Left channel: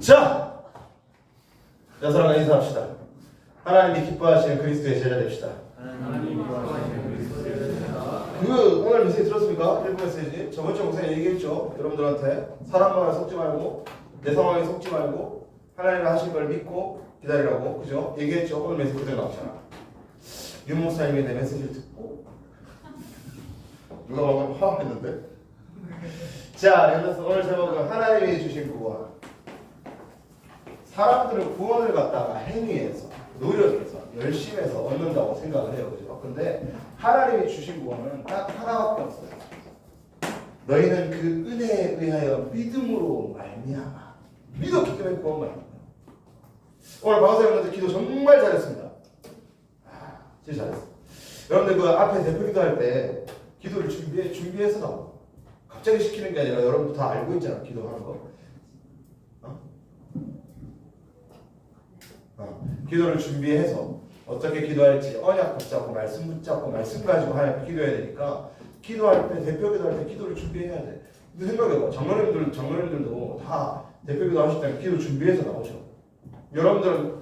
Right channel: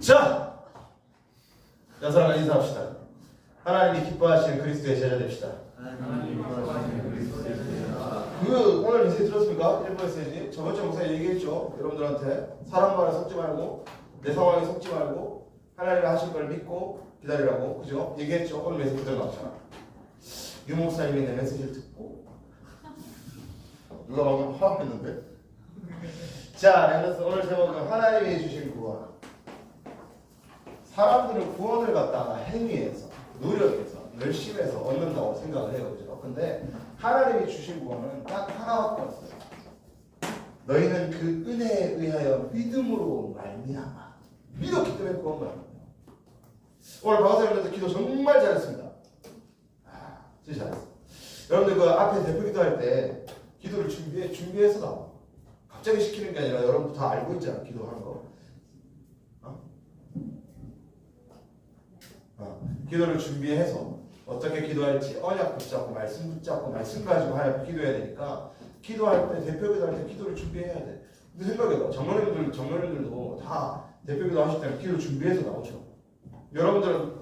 자, 여사랑과 인사합시다. 하나님이 기뻐하시는 그리스도의 제자 됩시다. 오늘 메시지 들었습니까? 1부 메시지. 저번주 목사님 얘기했죠. 여러분들한테 사람 말에 속지 말고 내 상황에 속지 말고 하나님이 하신 걸 믿고 기다리라고. 그죠? 얘기했죠. 오늘 메시지 그대로 나왔잖아. 유 목사님이 내 메시지를 듣고 누가 방금 화했는데? 자, 그래서 오늘 제목은 하나님이 주신 구원. 사람들은 구원을 갖다가 행위해서, 노력해서, 열심히 해서 얻는다고 생각을 해요. 그죠? 근데 하나님이 주신 구원은 딱 하나밖에 없어요. 너희는 그 은혜에 의하여 믿음으로 말미암아. 믿었기 때문에 구원 받는 거예요. 오늘 박사님한테 기도 정말 잘했습니다. 진짜 잘했어. 여러분들 그 앞에 대표 기도할 때 기도를 준비해서 나와. 갑자기 시키는 게 아니라 여러분도 다 알고 있잖아. 기도하는 거. 기도를 준비해서 어떻게 기도할지 언약 붙잡고 말씀 붙잡고 말씀 가지고 하나님 기도해야 되니까 기도할 때 대표 기도할 때 기도를 준비해야 돼. 근데 생각해봐. 장로님들도 다 대표 기도 하실 때는 기도 준비해서 나오죠. 여러분들은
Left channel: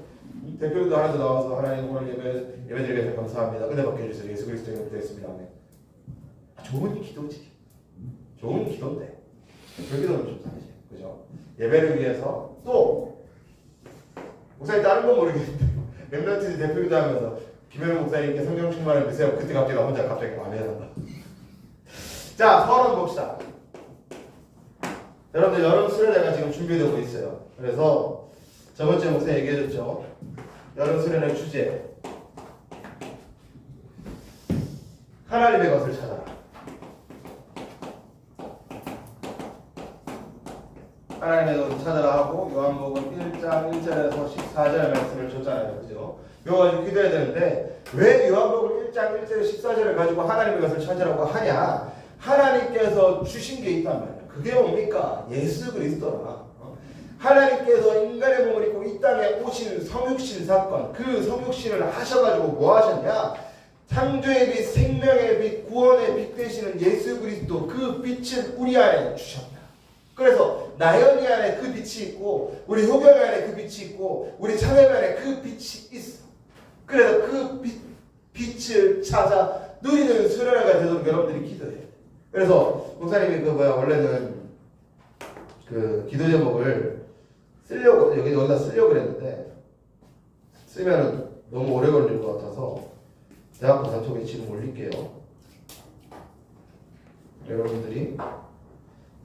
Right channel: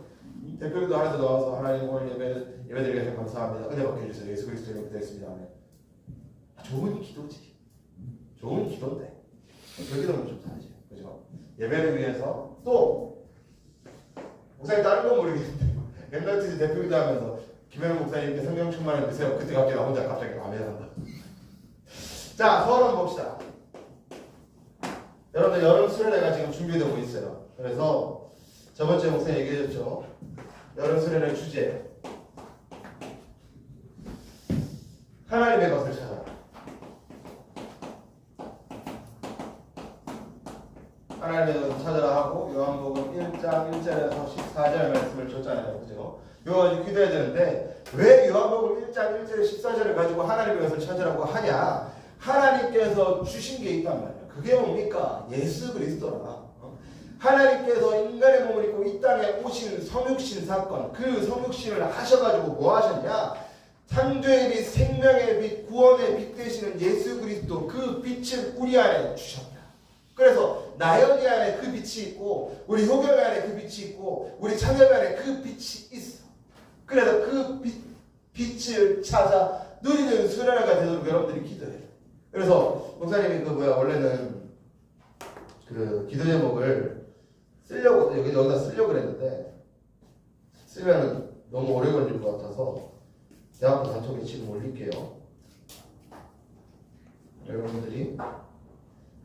대표 기도 하는데 나와서 하나님 오늘 예배드리게 해서 감사합니다. 은혜 받게 해주세요. 예수 그리스도 이름으로 기도했습니다. 아멘. 좋은 기도지. 좋은 기도인데 대표 기도는 좀 다르지. 그죠? 예배를 위해서 또 목사님 다른 건 모르겠는데 렘넌트 대표기도 하면서 김현우 목사님께 성령 충만을 주세요. 그때 갑자기 나 혼자 갑자기 마음에 든다. 자, 서론 봅시다. 여러분들 여름 수련회가 지금 준비되고 있어요. 그래서 저번주에 목사님 얘기해줬죠. 여름 수련회 주제 하나님의 것을 찾아라. 하나님의 것을 찾아라 하고 요한복음 1장 1절에서 14절 말씀을 줬잖아요. 그죠? 이거 가지고 기도해야 되는데 왜 요한복음 1장 1절에 14절을 가지고 하나님의 것을 찾으라고 하냐? 하나님께서 주신 게 있단 말이에요. 그게 뭡니까? 예수 그리스도라. 하나님께서 인간의 몸을 입고 이 땅에 오신 성육신 사건, 그 성육신을 하셔가지고 뭐 하셨냐? 창조의 빛, 생명의 빛, 구원의 빛 되시는 예수 그리스도 그 빛을 우리 안에 주셨다. 그래서 나연이 안에 그 빛이 있고 우리 효경이 안에 그 빛이 있고 우리 창엽이 안에 그 빛이 있어. 그래서 그 빛을 찾아 누리는 수련회가 되도록 여러분들이 기도해. 그래서 목사님이 원래는 그 기도 제목을 쓰려고 여기다 쓰려고 그랬는데 쓰면은 너무 오래 걸릴 것 같아서 대학교 단톡에 지금 올릴게요. 여러분들이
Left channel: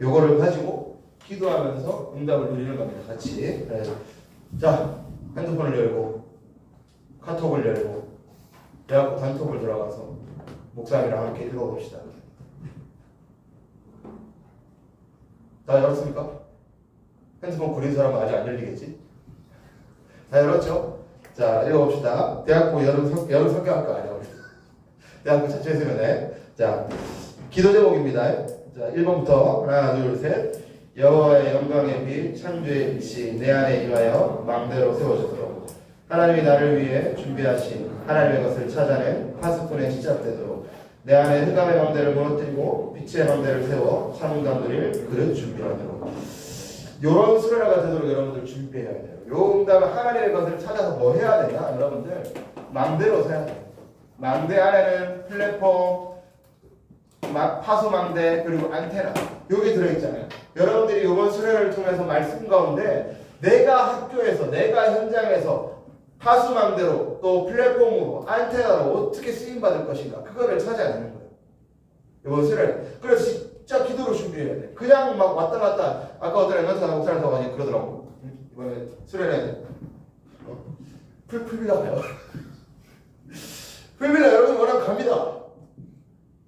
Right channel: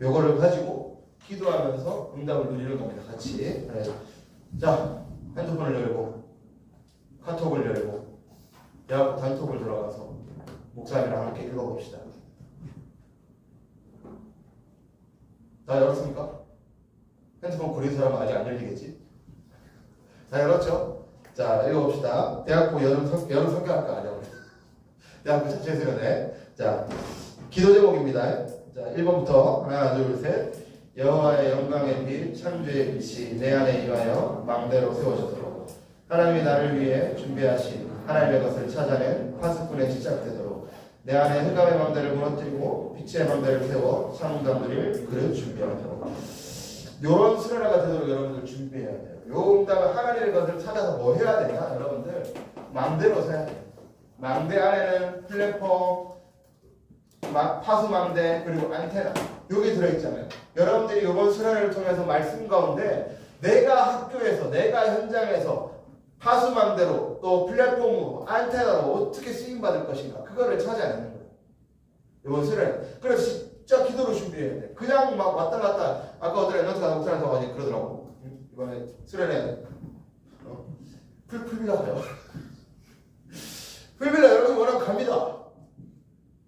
요거를 가지고 기도하면서 응답을 누리는 겁니다. 같이. 네. 자, 핸드폰을 열고 카톡을 열고 대학교 단톡을 들어가서 목사님이랑 함께 읽어봅시다. 다 열었습니까? 핸드폰 구린 사람은 아직 안 열리겠지? 다 열었죠? 자, 읽어봅시다. 대학교 여름 성경학과 아니야. 대학교 자체 수련회. 자, 기도 제목입니다. 자, 1번부터 하나, 둘, 셋. 여호와의 영광의 빛, 창조의 빛이 내 안에 임하여 망대로 세워졌도록 하나님이 나를 위해 준비하신 하나님의 것을 찾아낸 파수꾼의 시작되도록 내 안에 흑암의 망대를 무너뜨리고 빛의 망대를 세워 창조한 누림을 그릇 준비하도록 요런 수련회가 되도록 여러분들 준비해야 돼요. 요 응답은 하나님의 것을 찾아서 뭐 해야 되냐? 여러분들 망대로 세야 돼요. 망대 안에는 플랫폼, 파수망대 그리고 안테나 여기 들어있잖아요. 여러분들이 이번 수련회를 통해서 말씀 가운데 내가 학교에서 내가 현장에서 파수망대로 또 플랫폼으로 안테나로 어떻게 쓰임받을 것인가 그거를 찾아내는 거예요. 이번 수련회. 그래서 진짜 기도로 준비해야 돼. 그냥 막 왔다 갔다 아까 어떤 엠런트가 목사한테 와가지고 그러더라고. 이번에 수련회 풀빌라 가요. 풀빌라 여러분 원하면 갑니다.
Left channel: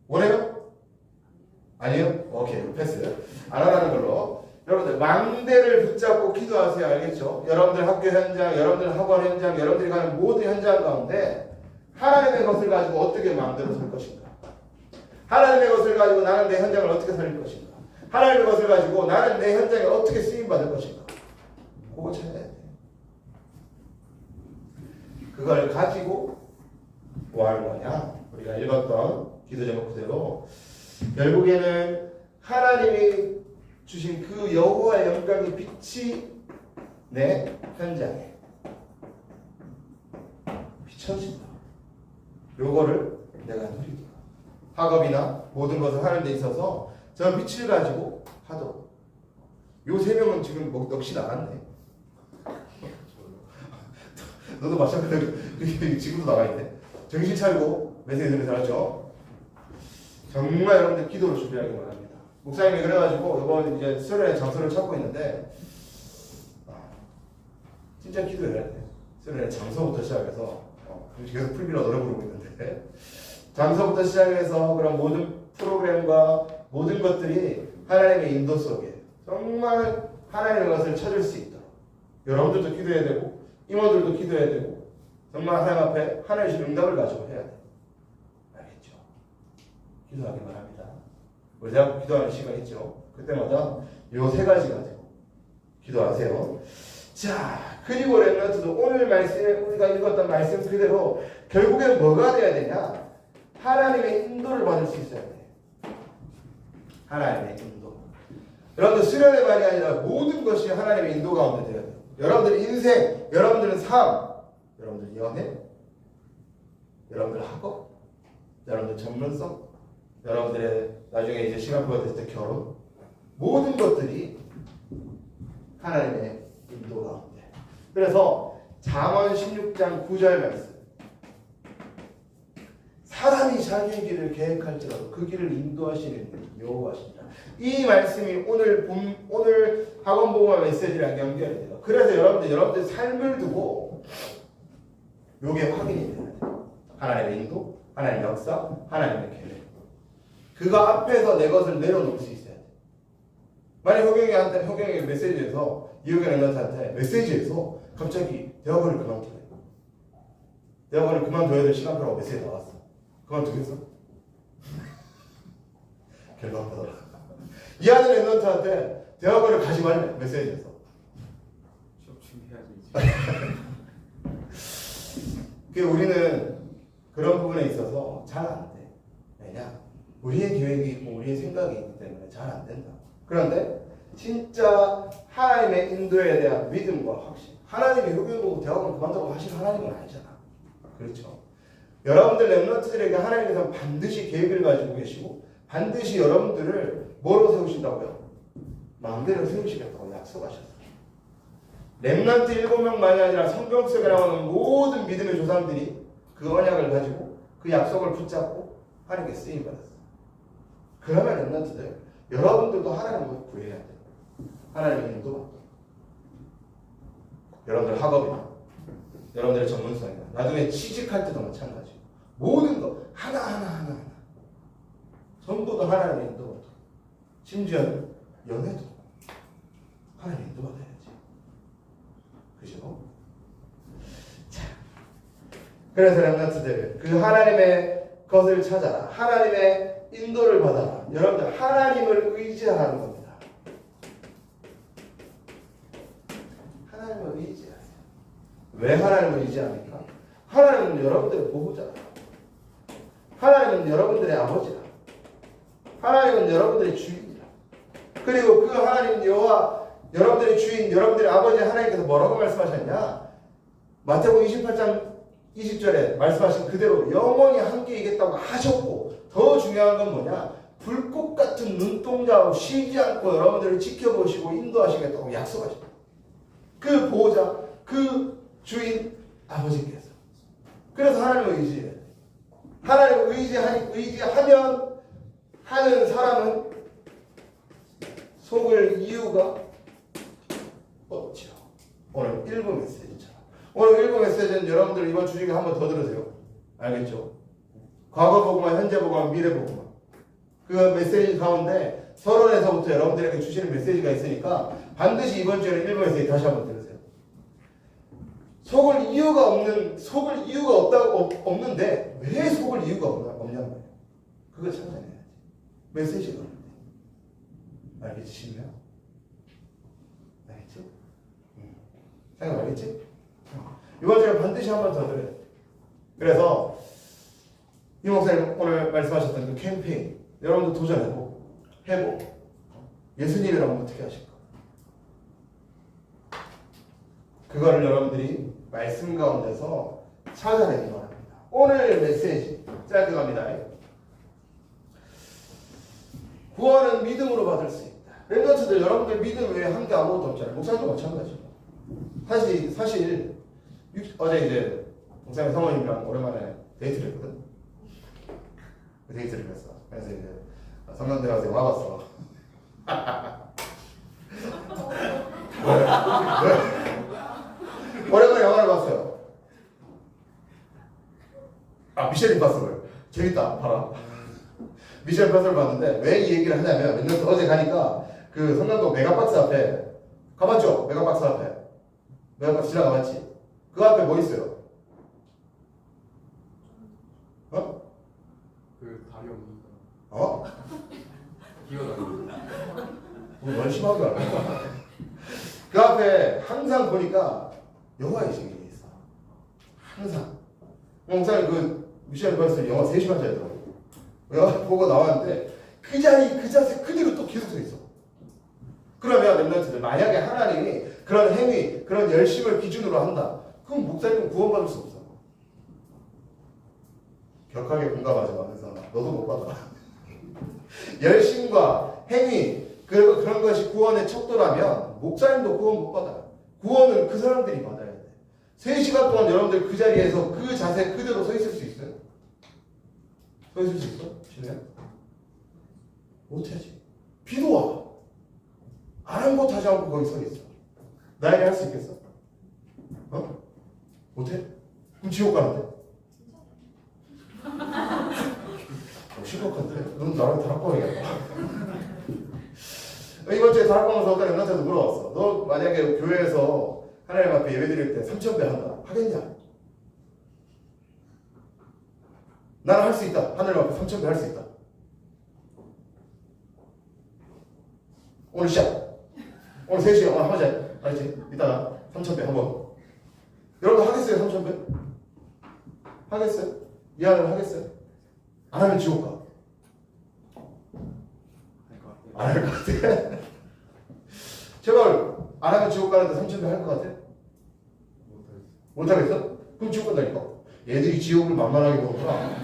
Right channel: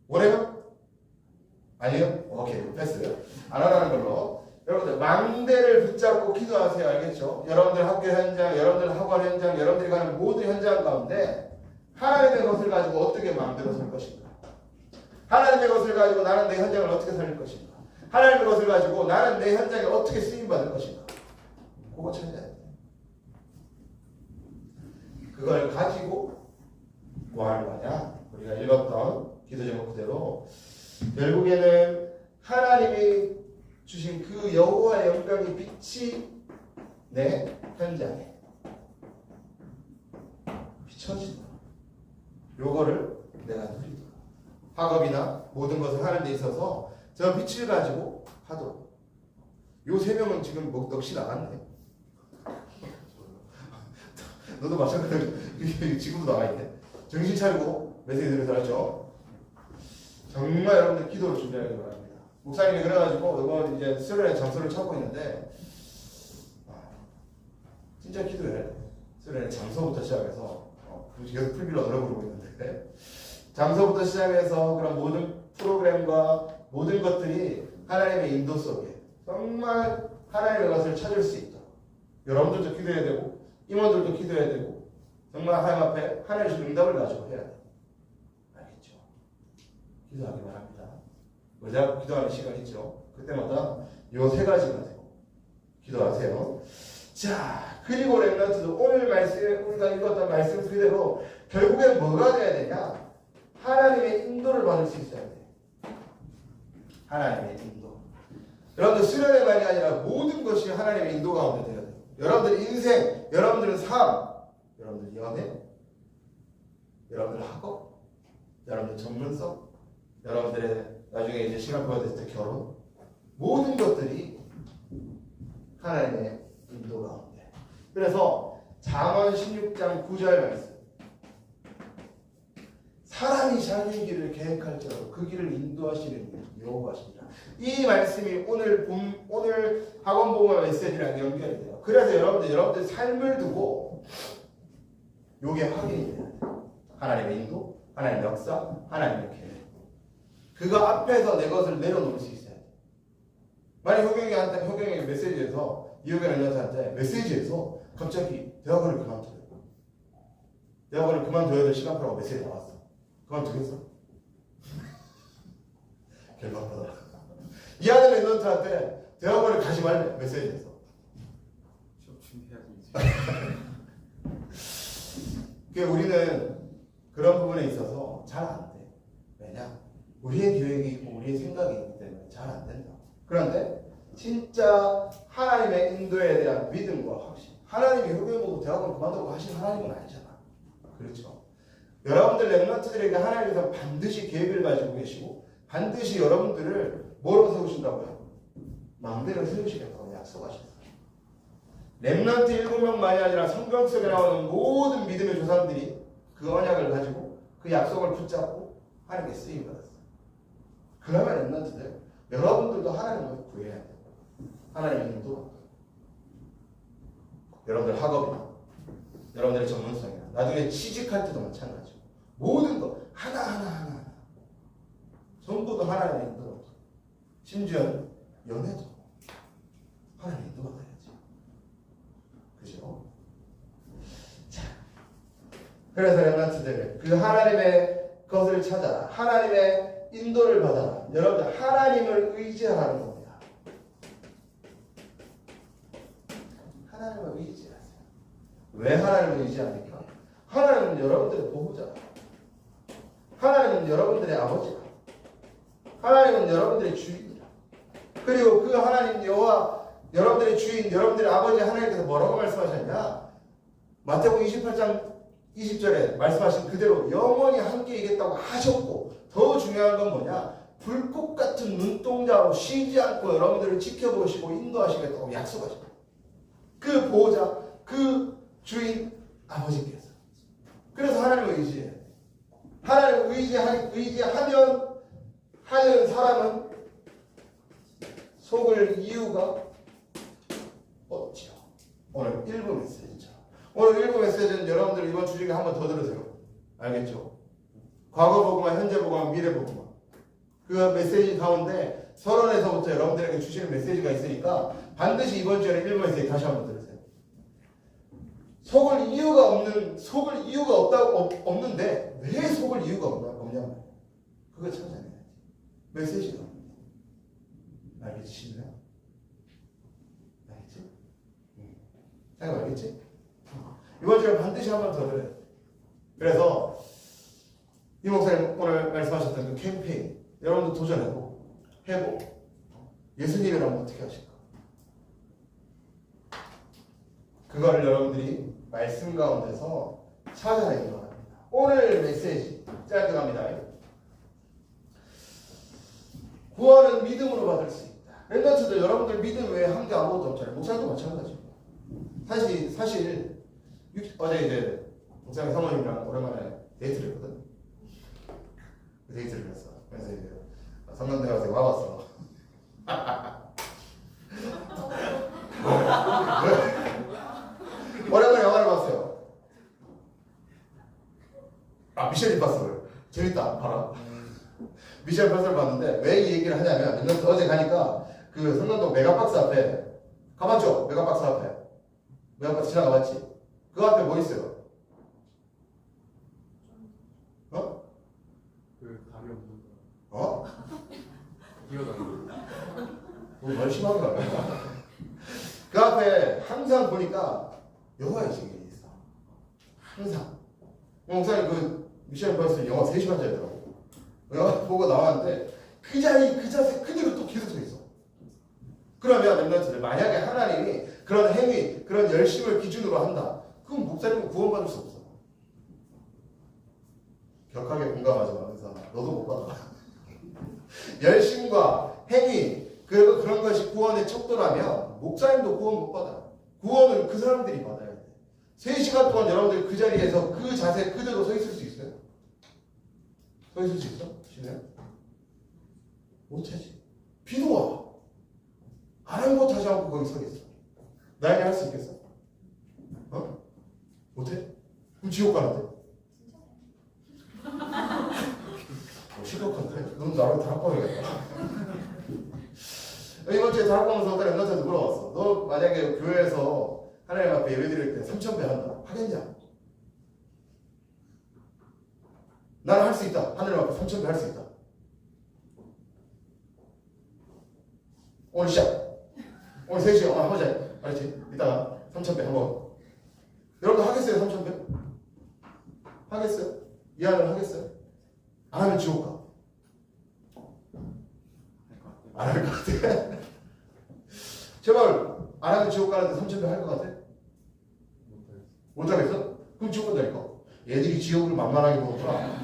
원해요? 아니요? 오케이, 패스. 안 하라는 걸로. 여러분들, 망대를 붙잡고 기도하세요. 알겠죠? 여러분들 학교 현장, 여러분들 학원 현장, 여러분들이 가는 모든 현장 가운데 하나님의 것을 가지고 어떻게 망대로 설 것인가? 하나님의 것을 가지고 나는 내 현장을 어떻게 살릴 것인가? 하나님의 것을 가지고 나는 내 현장에 어떻게 쓰임받을 것인가? 그거 찾아야 돼. 그걸 가지고 뭐 하는 거냐? 우리가 읽었던 기도 제목 그대로 결국에는 하나님이 주신 그 여호와의 영광의 빛이 내 현장에 비춰진다. 요거를 내가 누리도록. 학업이나 모든 것을 하는 데 있어서 저 빛을 가지고 하도록. 요 세 명은 지금 넋이 나갔네. 너도 마찬가지로 지금도 나가있네. 정신 차리고 메시지 들으면서 알았죠? 정말 여러분들 기도를 준비하기 바랍니다. 목사님이 그래가지고 이번 이제 수련의 장소를 찾고 있는데 진짜 기도해야 돼. 수련의 장소부터 시작해서 계속 풀비로 노래 부르고 있는데 장소부터 시작해서 그런 모든 프로그램과 모든 것들이 하나님의 인도 속에 정말 하나님의 것을 찾을 수 있도록 여러분들도 기도해야 되고 임원들도 기도해야 되고 정말 하나님 앞에 하나님의 주신 응답을 가지고 해야 돼. 알겠죠? 기도하기 바랍니다. 우리 대학 기도하는 시간 있죠? 그때마다 요 세 가지 가지고 기도하세요. 자, 그리고 렘넌트도 오늘 말씀에 우리가 읽었던 말씀 그대로 결국엔 뭐가 돼야 되냐? 하나님의 인도를 받을 수 있어야 돼. 하나님의 인도. 여러분들 수련의 말이 아니라 모든 것이 하나님의 인도 가운데 돼야 돼. 여러분들 인생, 여러분들의 삶, 여러분들 연애, 여러분들 학업, 여러분들 전문성, 여러분들의 나중에 이제 시간 보여줄 때 결혼, 모든 것들이 하나님의 인도 가운데. 그래서 잠언 16장 9절 말씀. 사람이 자기의 길을 계획할지라도 그 길을 인도하시는 여호와시니라. 이 말씀이 오늘 학원 보고와 메시지랑 연결이 돼요. 그래서 여러분들 삶을 두고 요게 확인이 돼요. 하나님의 인도, 하나님의 역사, 하나님의 계획. 그거 앞에서 내 것을 내려놓을 수 있어야 돼. 만약 효경이 메시지에서 이효경 랩런트한테 메시지에서 갑자기 대학원을 그만둬요. 대학원을 그만둬야 될 시간표라고 메시지 나왔어. 그만두겠어? 결론 받아라. 이 아들 랩런트한테 대학원을 가지 말래. 메시지에서. 수업 준비해야지. 우리는 그런 부분에 있어서 잘 안 돼. 왜냐? 우리의 계획이 있고 우리의 생각이 있기 때문에 잘 안 된다. 그런데 진짜 하나님의 인도에 대한 믿음과 확신. 하나님이 흡연보고 대학원 그만두고 하실 하나님은 아니잖아. 그렇죠? 여러분들 랩런트들에게 하나님께서 반드시 계획을 가지고 계시고 반드시 여러분들을 뭐로 세우신다고요? 마음대로 세우시겠다고 약속하셨어요. 랩런트 7명만이 아니라 성경 속에 나오는 모든 믿음의 조상들이 그 언약을 가지고 그 약속을 붙잡고 하나님께 쓰임받았어요. 그러면 랩런트들 여러분들도 하나님을 구해야 돼요. 하나님의 인도. 여러분들 학업이나 여러분들의 전문성이나 나중에 취직할 때도 마찬가지고 모든 거 하나하나 전부 다 하나님의 인도. 심지어 연애도 하나님의 인도가 돼야지. 그죠? 자, 그래서 렘넌트들 그 하나님의 것을 찾아라. 하나님의 인도를 받아라. 여러분들 하나님을 의지하라는 겁니다. 하나님을 의지하세요. 왜 하나님을 의지합니까? 하나님은 여러분들의 보호자라. 하나님은 여러분들의 아버지라. 하나님은 여러분들의 주인이라. 그리고 그 하나님 여호와 여러분들의 주인, 여러분들의 아버지 하나님께서 뭐라고 말씀하셨냐? 마태복음 28장 20절에 말씀하신 그대로 영원히 함께 이겠다고 하셨고 더 중요한 건 뭐냐? 불꽃 같은 눈동자로 쉬지 않고 여러분들을 지켜보시고 인도하시겠다고 약속하셨다. 그 보호자, 그 주인 아버지께서. 그래서 하나님을 의지해야 돼. 하나님을 의지하면 하는 사람은 속을 이유가 없죠. 오늘 1부 메시지죠. 오늘 1부 메시지는 여러분들 이번 주 중에 한 번 더 들으세요. 알겠죠? 과거 복음과 현재 복음과 미래 복음. 그 메시지 가운데 서론에서부터 여러분들에게 주시는 메시지가 있으니까 반드시 이번 주에는 1부 메시지 다시 한 번 들으세요. 속을 이유가 없는데 왜 속을 이유가 없냐는 거예요. 그걸 찾아내야지. 메시지가 없는데. 알겠지? 알겠죠? 생각 알겠지? 이번 주에 반드시 한 번 더 들어요. 그래서 이 목사님 오늘 말씀하셨던 그 캠페인 여러분도 도전해보고 해보고 예수님이라면 어떻게 하실까? 그거를 여러분들이 말씀 가운데서 찾아내기 바랍니다. 오늘 메시지 짧게 갑니다. 구원은 믿음으로 받을 수 있다. 랩런트들 여러분들 믿음 외에 한 게 아무것도 없잖아요. 목사님도 마찬가지고. 사실 어제 이제 목사님 사모님이랑 오랜만에 데이트를 했거든. 데이트를 했어. 그래서 이제 성남대 가서 영화 봤어. 오랜만에 영화를 봤어요. 미셸 임파서블 재밌다. 봐라. 미셸 임파서블 봤는데 왜 이 얘기를 하냐면 어제 가니까 그 성남동 메가박스 앞에 가봤죠? 메가박스 앞에 메가박스 지나가봤지? 그 앞에 뭐 있어요? 어? 그 다리 없는 거. 어? 기어다니는 뭐 열심하게 하네. 그 앞에 항상 보니까 영화의 증인이 있어. 항상. 목사님 그 미션 임파서블 영화 3시간짜리더라고. 영화 보고 나왔는데 그 자리 그 자세 그대로 또 계속 서 있어. 그러면 랩런트들 만약에 하나님이 그런 행위 그런 열심을 기준으로 한다. 그럼 목사님은 구원받을 수 없어. 격하게 공감하지마. 그래서 너도 못 받아. 열심과 행위 그런 것이 구원의 척도라면 목사님도 구원 못 받아. 구원은 그 사람들이 받아야 돼. 3시간 동안 여러분들 그 자리에서 그 자세 그대로 서 있을 수 있어요? 서 있을 수 있어? 실례요? 못하지. 비도 와. 아랑곳하지 않고 거기 서 있어. 나에게 할 수 있겠어? 어? 못해? 그럼 지옥 가는데? 심각한데? 넌 나랑 다락방이야. 이번 주에 다락방에서 어떤 연락처도 물어봤어. 너 만약에 교회에서 하나님 앞에 예배 드릴 때 3,000배 한다. 하겠냐? 나는 할 수 있다. 하나님 앞에 3,000배 할 수 있다. 오늘 시작. 오늘 3시에 오늘 하자. 알지? 이따가 3,000배 한번. 여러분 하겠어요? 3,000배? 하겠어요? 이해를 하겠어요? 안 하면 지옥 가. 안 할 것 같아. 제발 안 하면 지옥 가는데 3,000배 할 것 같아? 못 하겠어? 그럼 지옥 간다니까. 얘들이 지옥을 만만하게 보구나.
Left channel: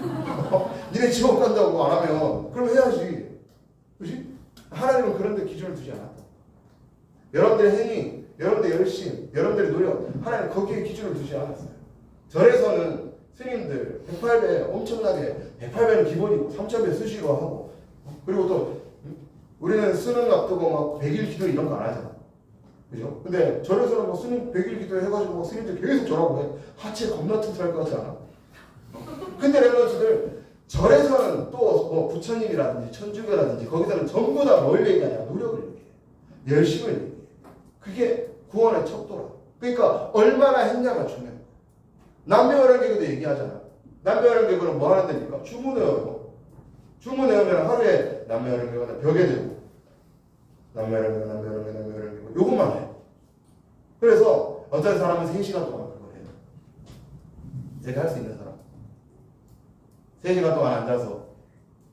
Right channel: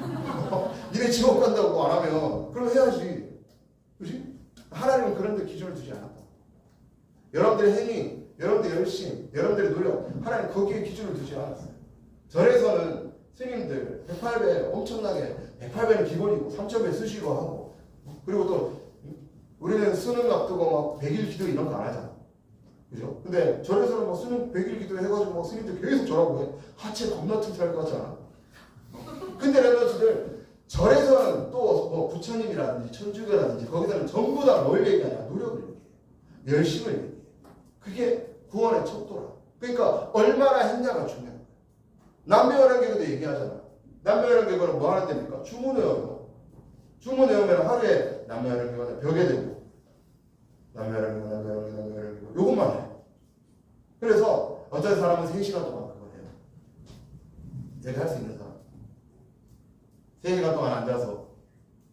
니네 지옥 간다고 안 하면 그럼 해야지. 그렇지? 하나님은 그런 데 기준을 두지 않았다. 여러분들의 행위, 여러분들의 열심, 여러분들의 노력, 하나님 거기에 기준을 두지 않았어요. 절에서는 스님들 108배 엄청나게 108배는 기본이고 3,000배 수시로 하고 그리고 또 우리는 수능 앞두고 막 100일 기도 이런 거 안 하잖아. 그죠? 근데 절에서는 뭐 수능 100일 기도 해가지고 뭐 스님들 계속 절하고 해. 하체 겁나 튼튼할 것 같지 않아? 근데 랩런트들 절에서는 또 뭐 부처님이라든지 천주교라든지 거기서는 전부 다 뭘 얘기하냐? 노력을 얘기해. 열심을 얘기해. 그게 구원의 척도라. 그러니까 얼마나 했냐가 중요해. 남녀활용계도 얘기하잖아. 남녀활용계는 뭐 하는 데입니까? 주문 외워요. 주문 외우면 하루에 남녀활용계가 벽에 대고 남녀활용계 요것만 해. 그래서 어떤 사람은 3시간 동안 그걸 해요. 제가 할 수 있는 사람. 3시간 동안 앉아서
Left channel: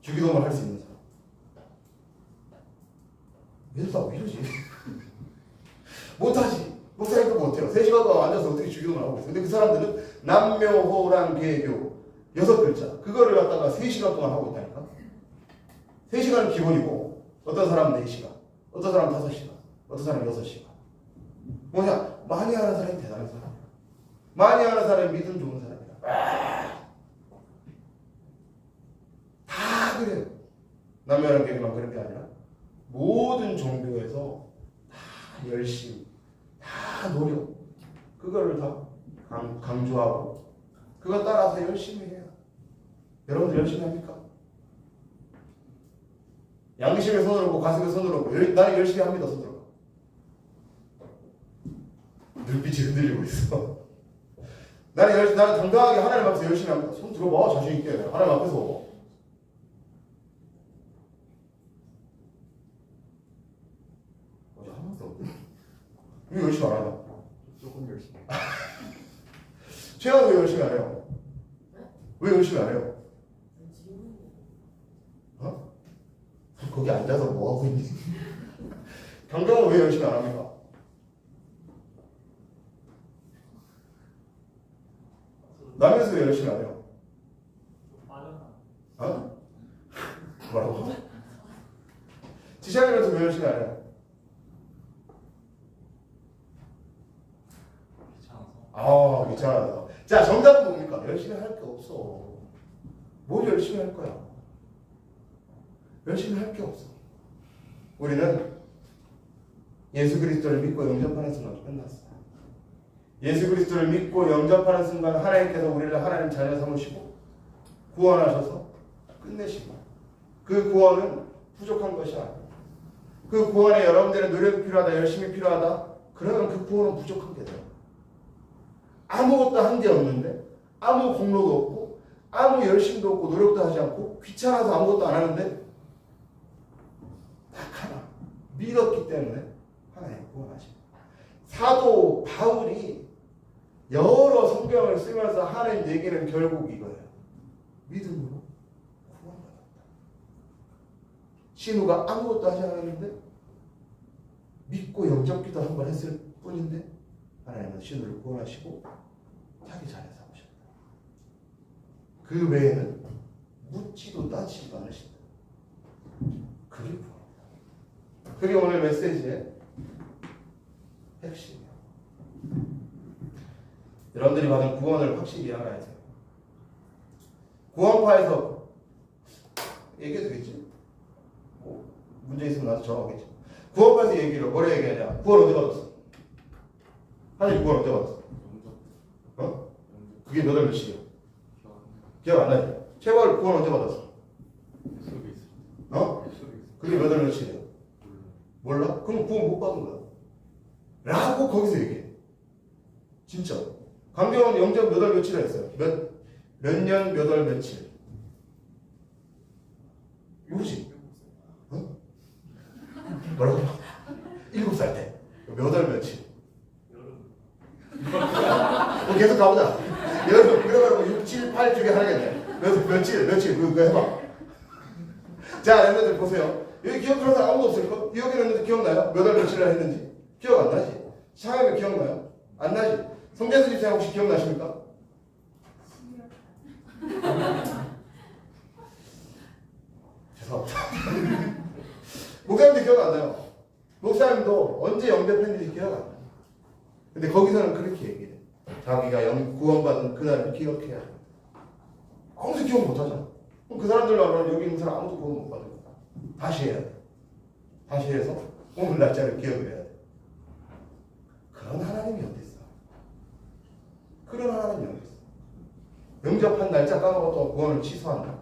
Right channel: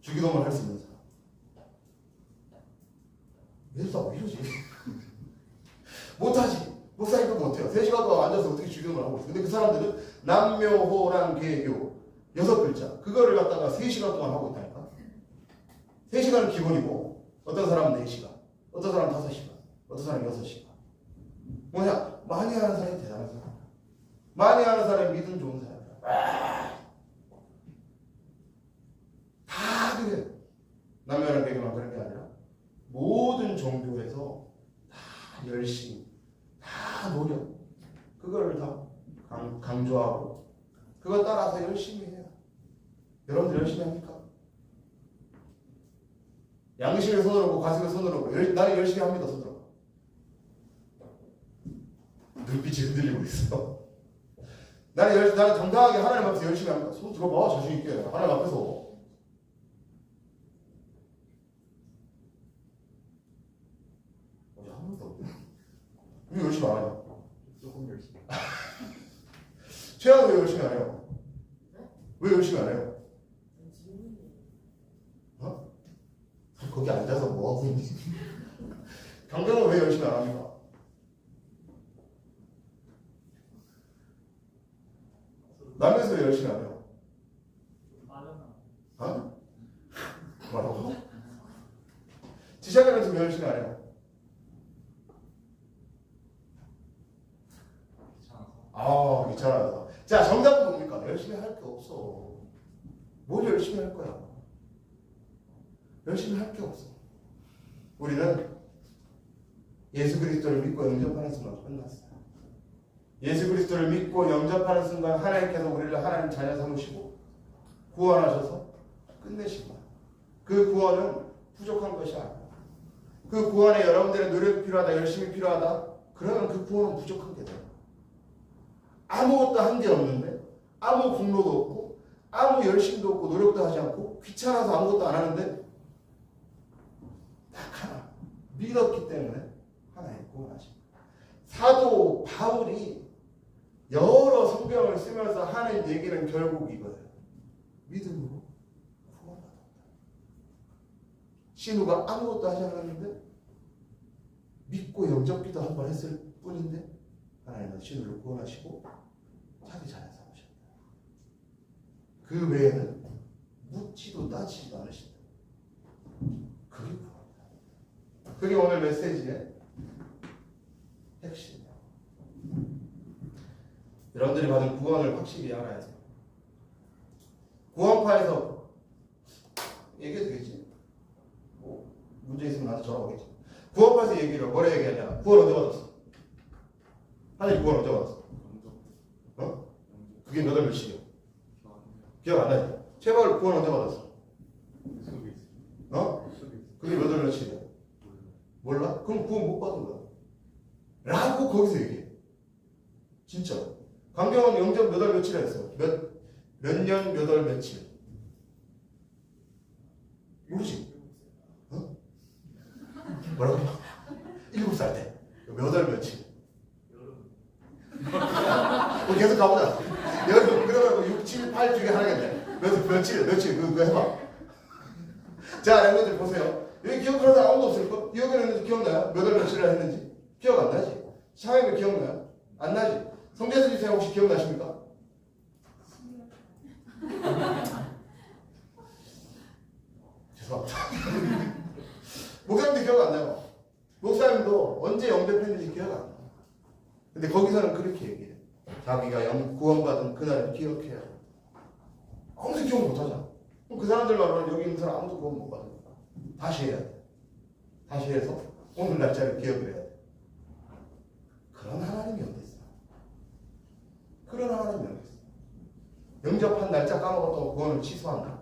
주기도문 할 수 있는 사람. 얘들 다 왜 이러지? 못하지. 목사님도 못해요. 3시간 동안 앉아서 어떻게 주기도문을 하고 있어요. 근데 그 사람들은 남묘호랑계교 6글자 그거를 갖다가 3시간 동안 하고 있다니까. 3시간은 기본이고 어떤 사람은 4시간 어떤 사람은 5시간 어떤 사람은 6시간. 뭐냐? 많이 하는 사람이 대단한 사람이야. 많이 하는 사람이 믿음 좋은 사람이야. 다 그래요. 남녀활용계만 그런 게 아니라 모든 종교에서 다 열심, 다 노력, 그거를 다 강조하고 그거 따라서 열심히 해요. 여러분들 열심히 합니까? 양심에 손을 얹고 가슴에 손을 얹고 나는 열심히 합니다. 손 들어. 눈빛이 흔들리고 있어. 나는 당당하게 하나님 앞에서 열심히 합니다. 손 들어봐. 자신 있게. 하나님 앞에서. 어제 한 번도 없네. 왜 열심히 안 하냐? 조금 열심히. 최하는 왜 열심히 안 해요? 왜 열심히 안 해요? 어? 거기 앉아서 뭐 하고 있니? 강경은 왜 열심히 안 합니까? 남에서 왜 열심히 안 해요? 빠르나. 어? 뭐라고? 지시하면서 왜 열심히 안 해요? 귀찮아서. 귀찮아. 자, 정답은 뭡니까? 열심히 할 게 없어. 뭘 열심히 할 거야? 열심히 할 게 없어. 우리는 예수 그리스도를 믿고 영접하는 순간 끝났어요. 예수 그리스도를 믿고 영접하는 순간 하나님께서 우리를 하나님 자녀 삼으시고 구원하셔서 끝내시고, 그 구원은 부족한 것이 아니에요. 그 구원에 여러분들의 노력이 필요하다, 열심이 필요하다, 그러면 그 구원은 부족한 게 돼요. 아무것도 한 게 없는데, 아무 공로도 없고, 아무 열심도 없고, 노력도 하지 않고, 귀찮아서 아무것도 안 하는데, 딱 하나, 믿었기 때문에 하나님 구원하십니다. 사도 바울이 여러 성경을 쓰면서 하는 얘기는 결국 이거예요. 믿음으로 구원받았다. 신우가 아무것도 하지 않았는데 믿고 영접기도 한 번 했을 뿐인데 하나님은 신우를 구원하시고 자기 자녀 삼으셨다. 그 외에는 묻지도 따지지도 않으신다. 그게 구원이다. 그게 오늘 메시지의 핵심이에요. 여러분들이 받은 구원을 확실히 알아야 돼요. 구원파에서 얘기해도 되겠지? 뭐 문제 있으면 나한테 전화오겠지. 구원파에서 얘기를 뭐라 얘기하냐? 구원 언제 받았어? 하나님 구원 언제 받았어? 어? 그게 몇 월 며칠이야? 기억 안 나지? 제발 구원 언제 받았어? 어? 그게 몇 월 며칠이야? 몰라? 그럼 구원 못 받은 거야. 라고 거기서 얘기해. 진짜. 강경원 영접 몇 월 며칠에 했어요? 몇 년 몇 월 며칠? 요지? 어? 뭐라고? 7살 때. 몇 월 며칠? 뭐 계속 가보자. 여러분, 그러면 6, 7, 8 중에 하나겠네. 며칠, 그거 해봐. 자, 여러분들 보세요. 여기 기억하는 사람 아무도 없을까? 여기는 기억나요? 몇 월 며칠을 했는지? 기억 안 나지? 창현이 기억나요? 안 나지? 성재수 집사님 혹시 기억나십니까? 죄송합니다. 목사님도 기억 안 나요. 목사님도 언제 영접했는지 기억 안 나요. 근데 거기서는 그렇게 얘기해. 자기가 구원받은 그날을 기억해야 돼. 아무도 기억 못하잖아. 그럼 그 사람들로 여기 있는 사람 아무도 구원 못 받은 거야. 다시 해야 돼. 다시 해서 오늘 날짜를 기억을 해야 돼. 그런 하나님이 어디 있어? 그런 하나님이 어디 있어? 영접한 날짜 까먹었다고 구원을 취소한다.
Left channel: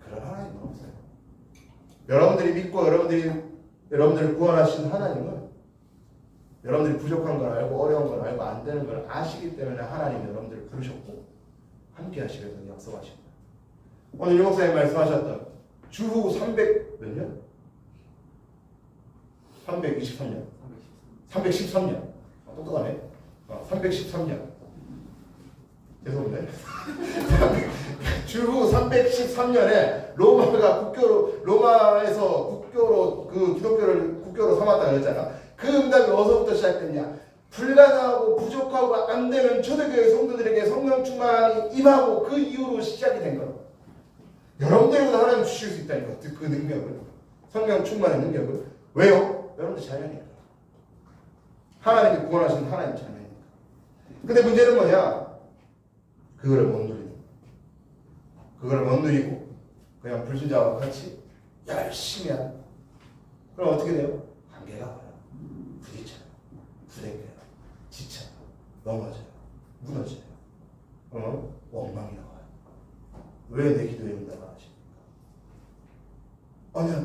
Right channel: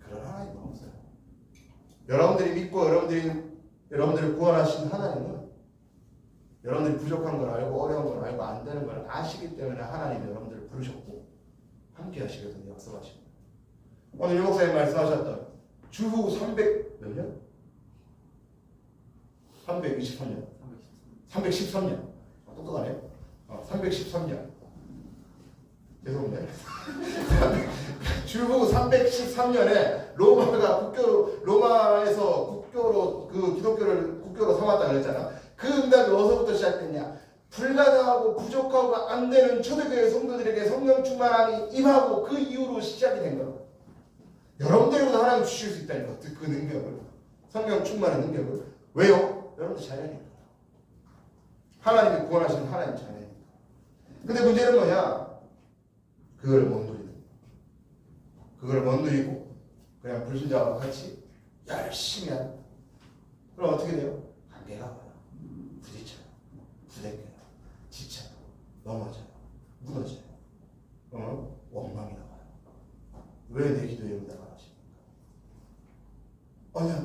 그런 하나님은 없어요. 여러분들이 믿고 여러분들을 구원하신 하나님은 여러분들이 부족한 걸 알고 어려운 걸 알고 안 되는 걸 아시기 때문에 하나님이 여러분들을 부르셨고 함께 하시기 위해서 약속하십니다. 오늘 유 목사님 말씀하셨던 주후 300 몇 년? 323년. 313년. 똑똑하네. 313년. 죄송한데. 주후 313년에 로마에서 국교로 그 기독교를 국교로 삼았다 그랬잖아. 그 응답이 어디서부터 시작됐냐? 불가능하고 부족하고 안 되는 초대교회 성도들에게 성령 충만함이 임하고 그 이후로 시작이 된 거야. 여러분들에게도 하나님 주실 수 있다니까. 그 능력을. 성령 충만의 능력을. 왜요? 여러분들 자녀니까. 하나님이 구원하신 하나님 자녀니까. 근데 문제는 뭐냐? 그거를 못 누리는 거야. 그걸 못 누리고 그냥 불신자와 같이 열심히 하는. 그럼 어떻게 돼요? 관계가 와요. 부딪혀요. 부대껴요. 지쳐요. 넘어져요. 무너져요. 원망이 나와요. 왜 내 기도에 응답 안 하십니까?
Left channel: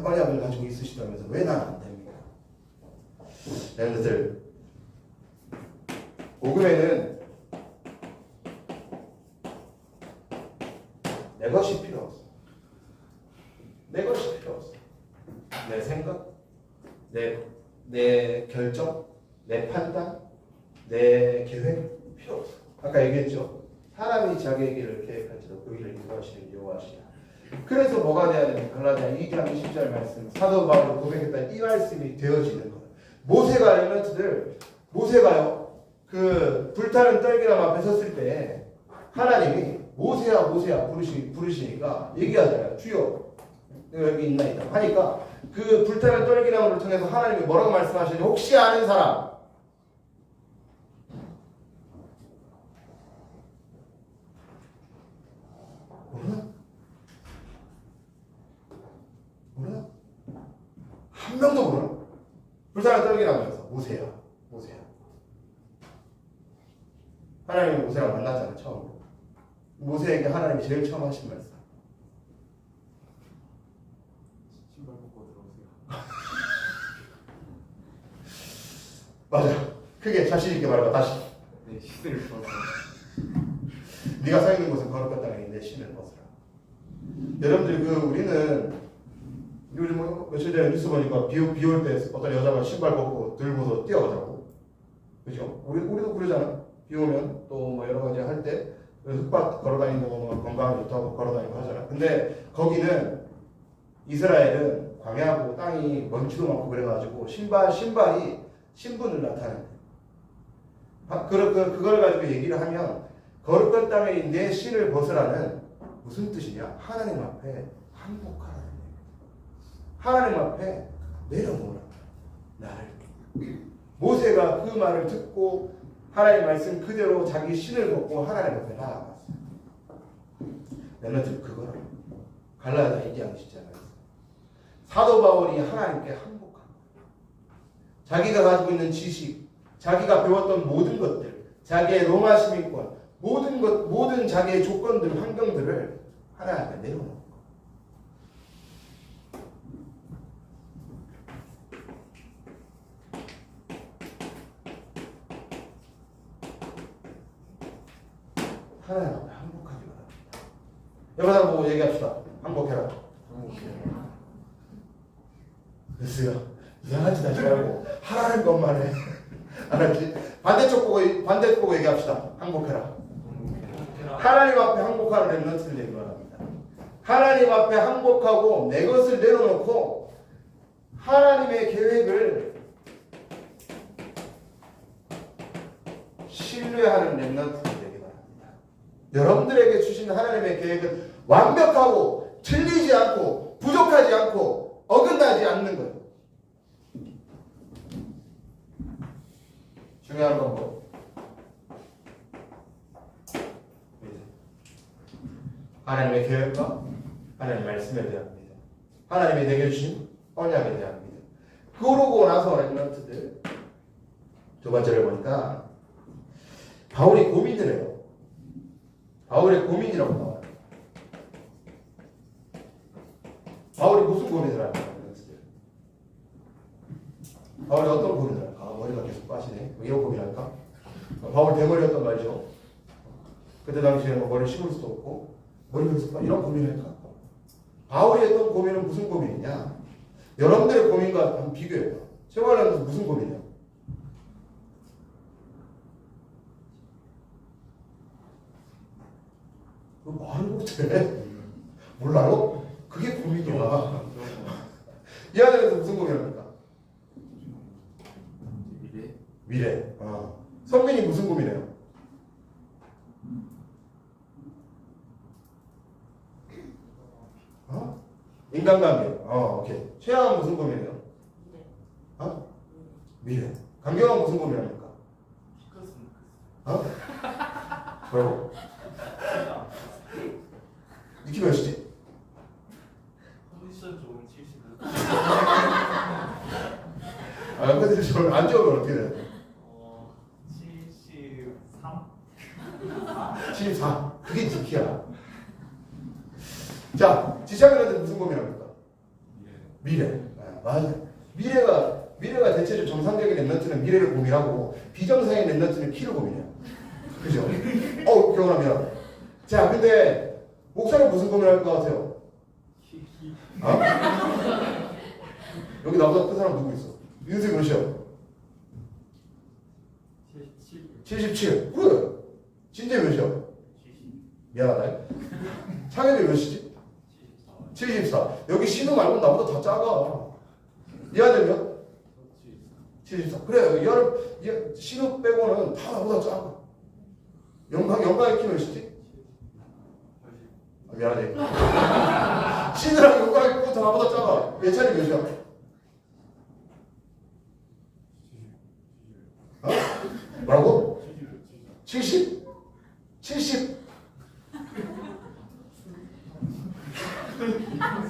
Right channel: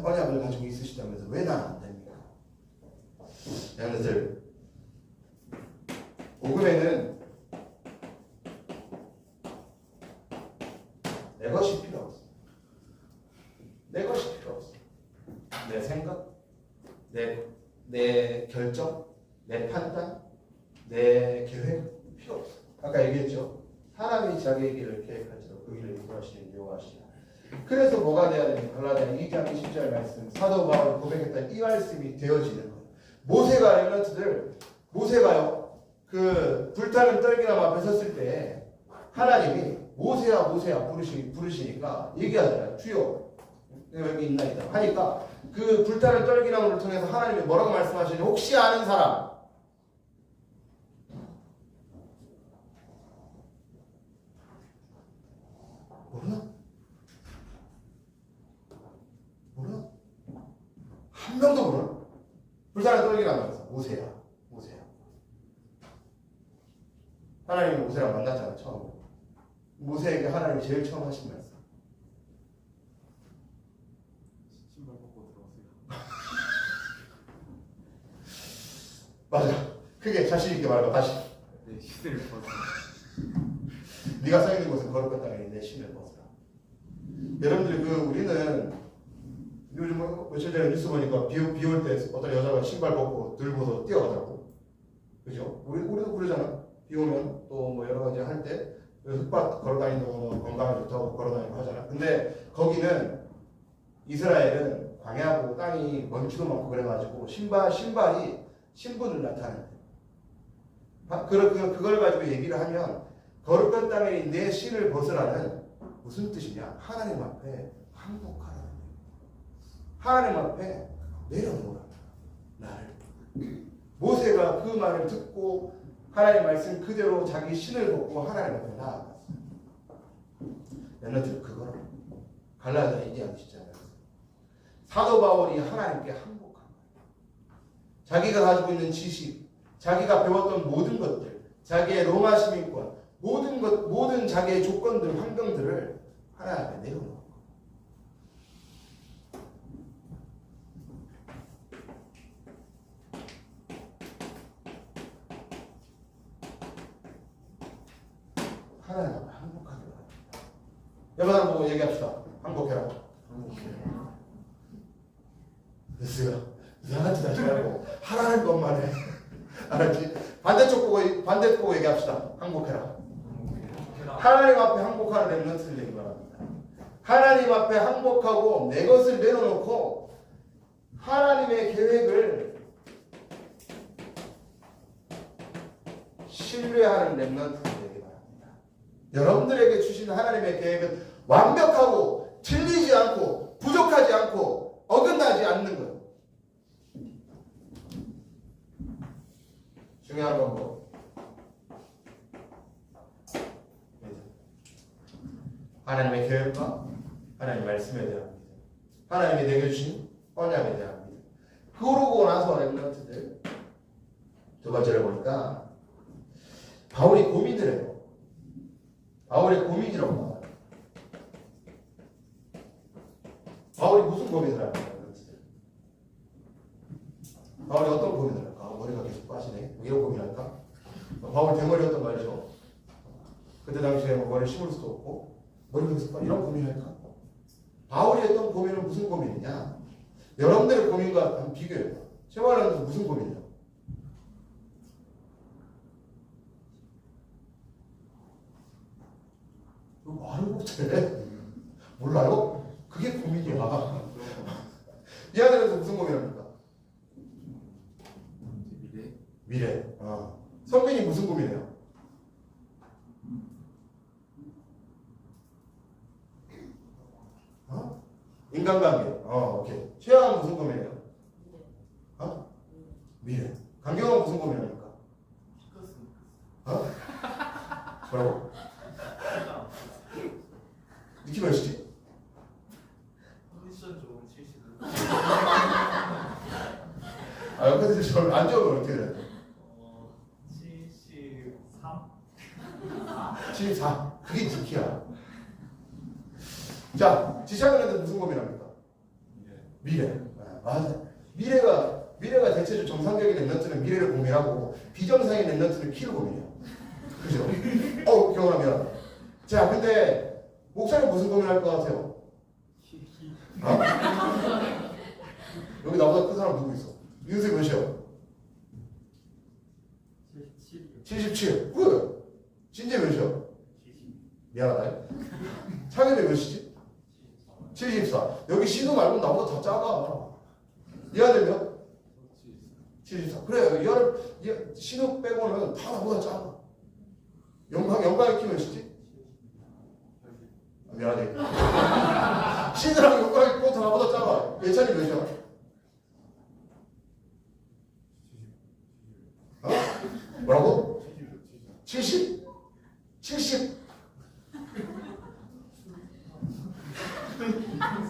언약을 가지고 있으시다면서 왜 난 안 됩니까? 여러분들, 복음에는 내 것이 필요 없어. 내 것이 필요 없어. 내 생각, 내 결정, 내 판단, 내 계획 필요 없어. 아까 얘기했죠. 사람이 자기의 길을 계획할지도 그 길을 인도하시는 여호와시라. 그래서 뭐가 돼야 되는가? 갈라디아 2장 20절 말씀, 사도 바울을 고백했던 이 말씀이 되어지는 거예요. 모세가 모세가요 그 불타는 떨기나무 앞에 섰을 때 하나님이 모세야 모세야 부르시니까 얘기하잖아요. 주여 내가 여기 있나이다 하니까 그 불타는 떨기나무를 통해서 하나님이 뭐라고 말씀하시는지 혹시 아는 사람? 모르나? 모르나? 한 명도 모르나? 불타는 떨기나무에서 모세야 하나님이 모세랑 만났잖아요. 처음 모세에게 하나님이 제일 처음 하신 말씀 신발 벗고 들어오세요. 맞아. 크게 자신 있게 말해봐. 다시. 네, 시대를 벗어. 네가 서 있는 곳은 거룩한 땅이니 내 신을 벗으라. 여러분들 우리는 요즘 며칠 전에 뉴스 보니까 비 올 때 어떤 여자가 신발 벗고 들고서 뛰어가더라고. 그죠? 우리도 그러잖아. 비 오면 또 뭐 여러 가지 할 때 흙밭 걸어다니는 거 건강에 좋다고 걸어다니고 하잖아. 근데 거기는 이스라엘은 광야고 땅이 먼지도 많고 그래가지고 신발이 신분을 나타낸대. 그걸 가지고 얘기를 하면 거룩한 땅에 내 신을 벗으라는 무슨 뜻이냐? 하나님 앞에 항복하라는 얘기야. 하나님 앞에 내려놓으라. 나를. 모세가 그 말을 듣고 하나님 말씀 그대로 자기 신을 벗고 하나님 앞에 나아갔어. 여러분들 그거를 갈라디아 얘기하고 있잖아요. 사도 바울이 하나님께 항복한 거예요. 자기가 가지고 있는 지식, 자기가 배웠던 모든 것들, 자기의 로마 시민권, 모든 자기의 조건들, 환경들을 하나님 앞에 내려놓은 거예요. 하나님 앞에 항복하기 바랍니다. 여러분 보고 얘기합시다. 항복해라. 됐어요. 이상한 짓 하지 말고 하라는 것만 해. 알았지? 반대쪽 보고 얘기합시다. 항복해라. 하나님 앞에 항복하는 렘넌트를 되기 바랍니다. 하나님 앞에 항복하고 내 것을 내려놓고 하나님의 계획을 신뢰하는 렘넌트를 되기 바랍니다. 여러분들에게 주신 하나님의 계획은 완벽하고 틀리지 않고 부족하지 않고 어긋나지 않는 거예요. 중요한 건 뭐? 하나님의 계획과 하나님의 말씀에 대한 믿음, 하나님이 내게 주신 언약에 대한 믿음. 그러고 나서 렘넌트들 두 번째를 보니까 바울이 고민을 해요. 바울의 고민이라고 나와요. 바울이 무슨 고민을 할까요? 바울이 어떤 고민을 할까? 머리가 계속 빠지네. 이런 고민할까? 바울 대머리였던 말이죠. 그때 당시에 머리를 심을 수도 없고 머리가 계속 빠지네. 이런 고민할까? 바울이 했던 고민은 무슨 고민이냐? 여러분들의 고민과 한번 비교해요. 최말은 무슨 고민이에요? 말을 못해. 몰라요? 그게 고민이야. 이 아들한테 무슨 고민을 할까? 미래. 성민이 무슨 고민해요? 인간관계. 오케이. 최양은 무슨 고민해요? 미래. 강경은 무슨 고민합니까? 뭐라고? 느낌 몇이지? 컨디션 좋은 70. 근데 저안 좋으면 어떻게 돼요? 73? 74. 그게 지키야. 자, 지창현한테 무슨 고민합니까? 미래. 맞아. 미래가 대체적으로 정상적인 랩런트는 미래를 고민하고 비정상인 랩런트는 키를 고민해요. 그죠? 경험합니다. 자, 근데 목사는 무슨 고민할 것 같아요? 여기 나보다 큰 사람 누구 있어? 윤수 몇이야? 77. 그래. 진재 몇이야? 미안하다. 창현이 몇이지? 74. 여기 신우 말고 나보다 더 작아. 이 아들 몇? 74. 그래. 신우 빼고는 다 나보다 작아. 영광의 키 몇이지? 미안하다. 신이랑 손가락이 꼭 나보다 작아. 예찬이 몇이야? 어? 뭐라고? 70? 70?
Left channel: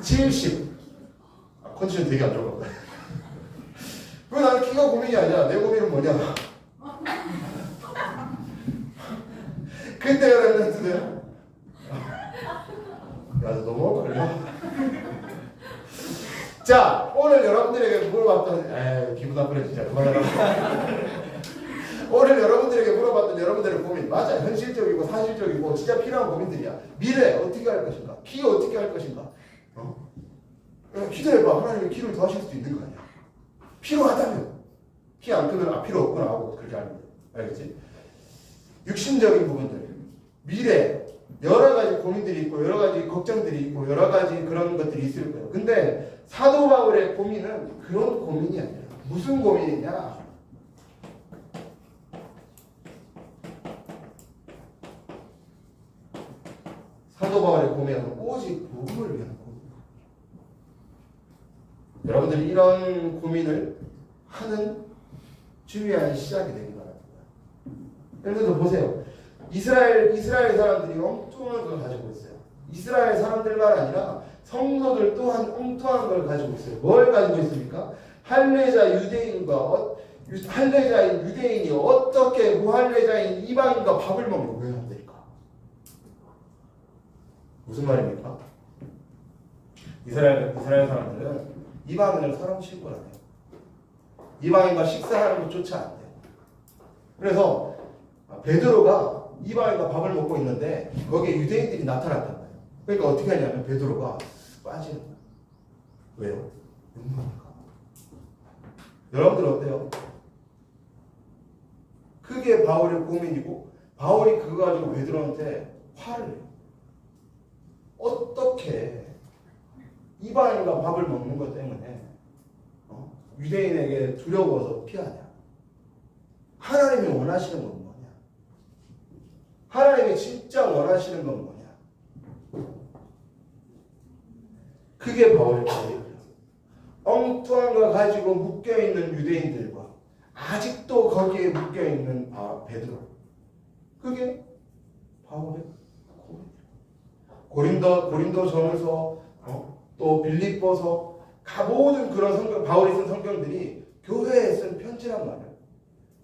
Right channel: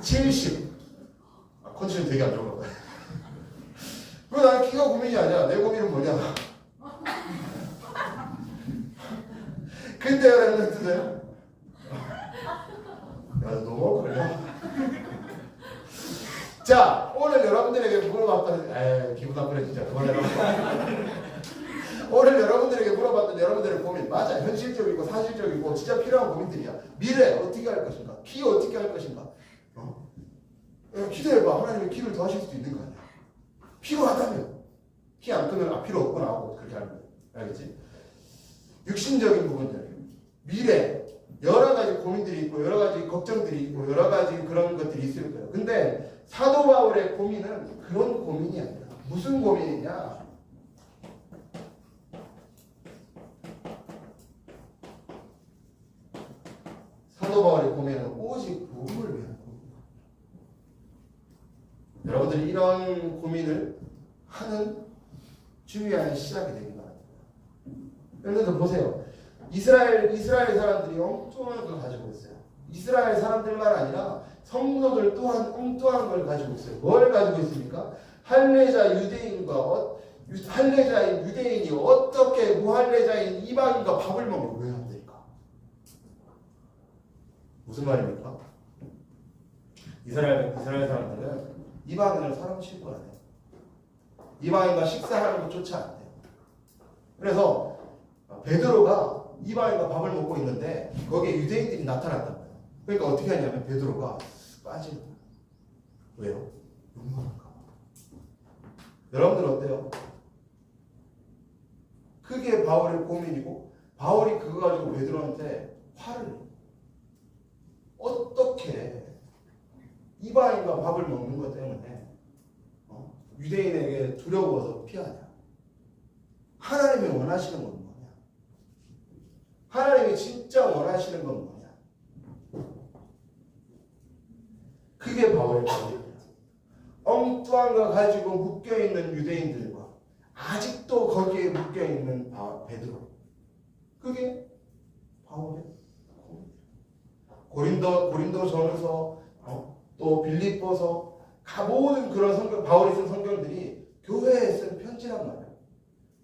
70. 컨디션 되게 안 좋아. 왜 나는 키가 고민이 아니야. 내 고민은 뭐냐? 근데요, 랩런트들. 야, 너무 걸려. 자, 오늘 여러분들에게 물어봤던, 기분 나쁘네, 진짜. 그만해라. 오늘 여러분들에게 물어봤던 여러분들의 고민, 맞아. 현실적이고 사실적이고 진짜 필요한 고민들이야. 미래 어떻게 할 것인가? 키 어떻게 할 것인가? 기도해봐. 하나님의 키를 더하실 수도 있는 거 아니야. 필요하다면. 키 안 크면 필요 없구나 하고 그렇게 하는 거야. 알겠지? 육신적인 부분들, 미래, 여러 가지 고민들이 있고 여러 가지 걱정들이 있고 여러 가지 그런 것들이 있을 거예요. 근데 사도 바울의 고민은 그런 고민이 아니야. 무슨 고민이냐? 사도 바울의 고민은 오직 복음을 위한 고민이야. 여러분들이 이런 고민을 하는 중요한 시작이 되기 바랍니다. 여러분들 보세요. 이스라엘 사람들이 엉뚱한 걸 가지고 있어요. 이스라엘 사람들만 아니라 성도들 또한 엉뚱한 걸 가지고 있어요. 뭘 가지고 있습니까? 할례자 유대인이 어떻게 무할례자인 이방인과 밥을 먹는 왜 안 될까? 무슨 말입니까? 이스라엘 사람들은 이방인을 사람 취급을 안 해요. 이방인과 식사하는 것조차 안 돼요. 그래서 베드로가 이방인과 밥을 먹고 있는데 거기에 유대인들이 나타났단 말이에요. 그러니까 어떻게 하냐면 베드로가 빠지는 거예요. 왜요? 욕먹을까? 여러분들 어때요? 그게 바울의 고민이고 바울이 그거 가지고 베드로한테 화를 내요. 어떻게 이방인과 밥을 먹는 것 때문에 유대인에게 두려워서 피하냐? 하나님이 원하시는 건 뭐냐? 하나님이 진짜 원하시는 건 뭐냐? 그게 바울의 고민이에요. 엉뚱한 거 가지고 묶여있는 유대인들과 아직도 거기에 묶여있는 베드로. 그게 바울의 고민이에요. 고린도전서 또 빌립보서 모든 그런 성경, 바울이 쓴 성경들이 교회에 쓴 편지란 말이에요.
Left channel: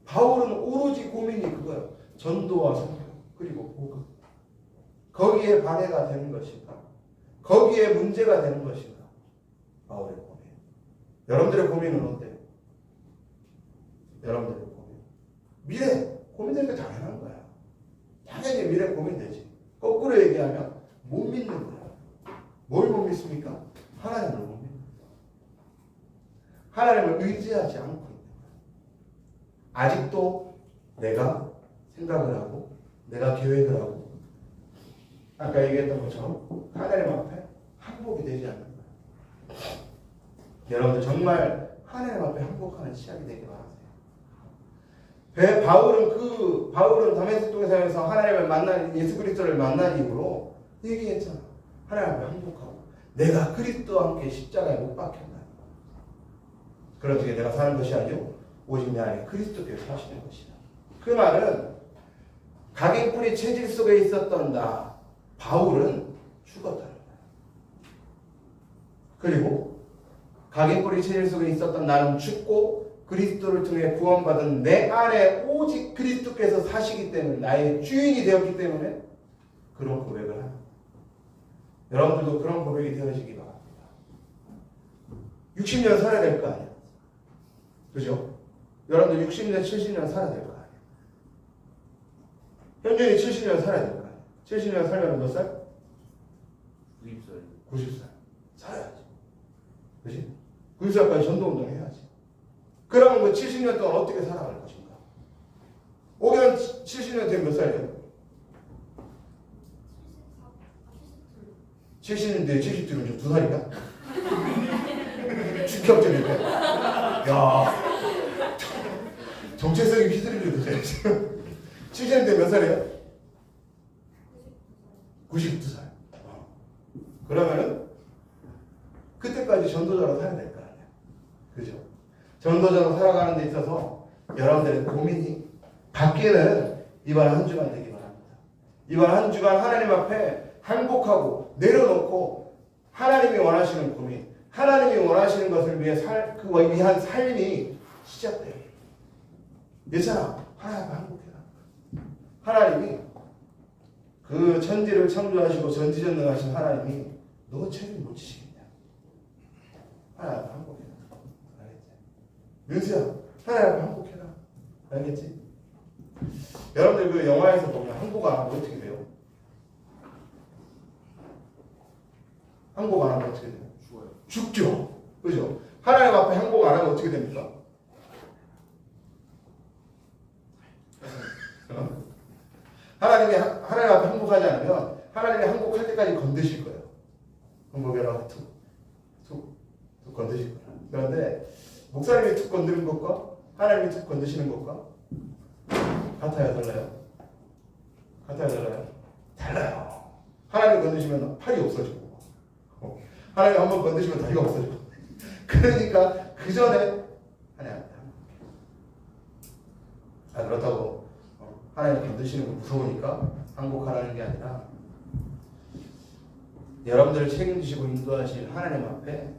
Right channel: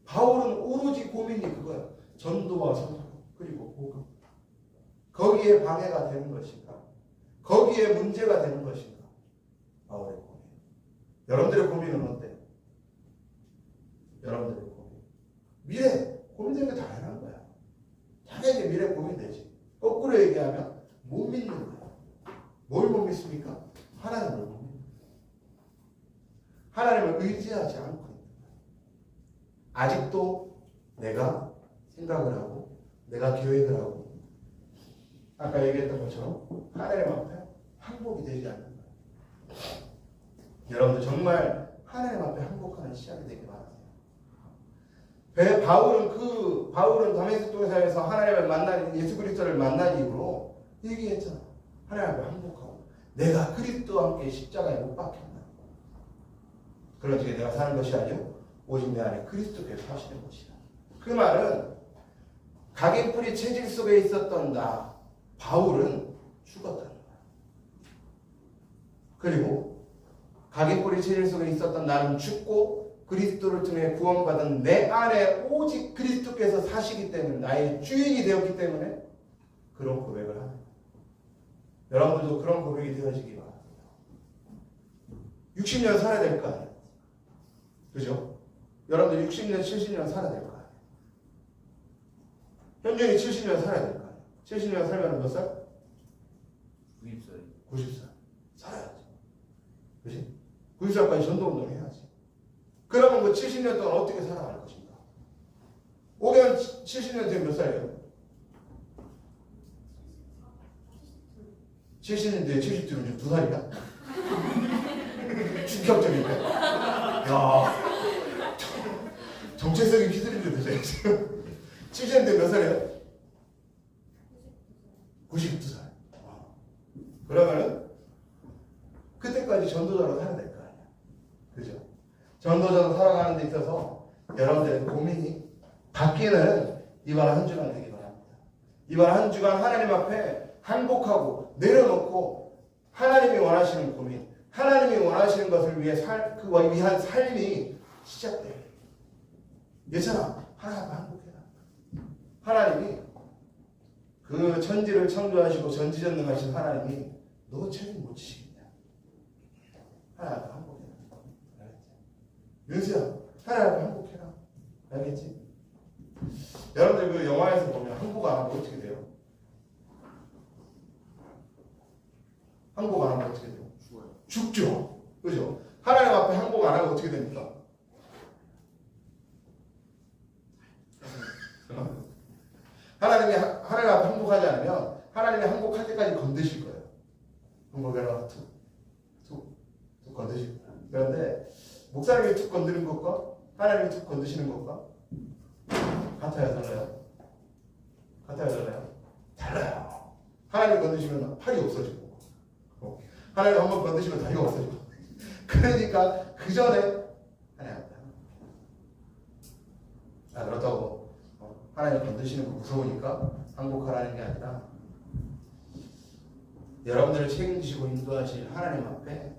바울은 오로지 고민이 그거야. 전도와 성경 그리고 복음. 거기에 방해가 되는 것인가? 거기에 문제가 되는 것인가? 바울의 고민. 여러분들의 고민은 어때요? 여러분들의 고민. 미래 고민되니까 당연한 거야. 당연히 미래 고민되지. 거꾸로 얘기하면 못 믿는 거야. 뭘 못 믿습니까? 하나님을 못 믿는 거야. 하나님을 의지하지 않고 있는 거야. 아직도 내가 생각을 하고 내가 계획을 하고 아까 얘기했던 것처럼 하나님 앞에 항복이 되지 않는 거야. 여러분들 정말 하나님 앞에 항복하는 시작이 되기 바랍니다. 바울은 다메섹 동산에서 하나님을 만난 예수 그리스도를 만난 이후로 얘기했잖아. 하나님 앞에 항복하고 내가 그리스도와 함께 십자가에 못 박혔다. 그러지 내가 사는 것이 아니오 오직 내 안에 그리스도께서 사시는 것이다. 그 말은 각인뿌리 체질 속에 있었던 나 바울은 죽었다. 그리고 각인뿌리 체질 속에 있었던 나는 죽고 그리스도를 통해 구원받은 내 안에 오직 그리스도께서 사시기 때문에 나의 주인이 되었기 때문에 그런 고백을 합니다. 여러분들도 그런 고백이 되어지기 바랍니다. 60년 살아야 될 거 아니에요. 그죠? 여러분들 60년, 70년 살아야 될 거 아니에요. 현준이 70년 살아야 될 거 아니에요. 70년 살면 몇 살? 90살. 90살. 살아야지. 그지? 90살까지 전도운동 해야지. 그러면 그 70년 동안 어떻게 살아갈 것인가? 5개월 70년 되면 몇 살이에요? 70년대 70대면 지금 2살이야? 충격적인데? 야, 정체성이 휘둘리는 거죠, 지금. 70년대 몇 살이에요? 92살. 그러면은 그때까지 전도자로 살아야 될 거 아니야. 그죠? 전도자로 살아가는 데 있어서 여러분들의 고민이 바뀌는 이번 한 주간 되기 바랍니다. 이번 한 주간 하나님 앞에 항복하고 내려놓고 하나님이 원하시는 고민, 하나님이 원하시는 것을 위한 삶이 시작돼요. 예찬아, 하나님 앞에 항복해라. 하나님이 그 천지를 창조하시고 전지전능하신 하나님이 너 책임 못 지시겠냐? 하나님 앞에 항복해라. 알겠지? 윤수야, 하나님 앞에 항복해라. 알겠지? 여러분들 그 영화에서 보면 항복 안 하면 어떻게 돼요? 항복 안 하면 어떻게 돼요? 죽어요. 죽죠. 그죠? 하나님 앞에 항복 안 하면 어떻게 됩니까? 하나님 앞에 항복하지 않으면 하나님이 항복할 때까지 건드실 거예요. 항복해라. 툭 건드실 거예요. 그런데 목사님이 툭 건드는 것과 하나님이 툭 건드시는 것과 같아요, 달라요? 같아요, 달라요? 달라요. 하나님 건드시면 팔이 없어지고 하나님 한번 건드시면 다리가 없어지고 그러니까 그 전에 하나님 그렇다고 하나님 건드시는 거 무서우니까 항복하라는 게 아니라 여러분들을 책임지시고 인도하실 하나님 앞에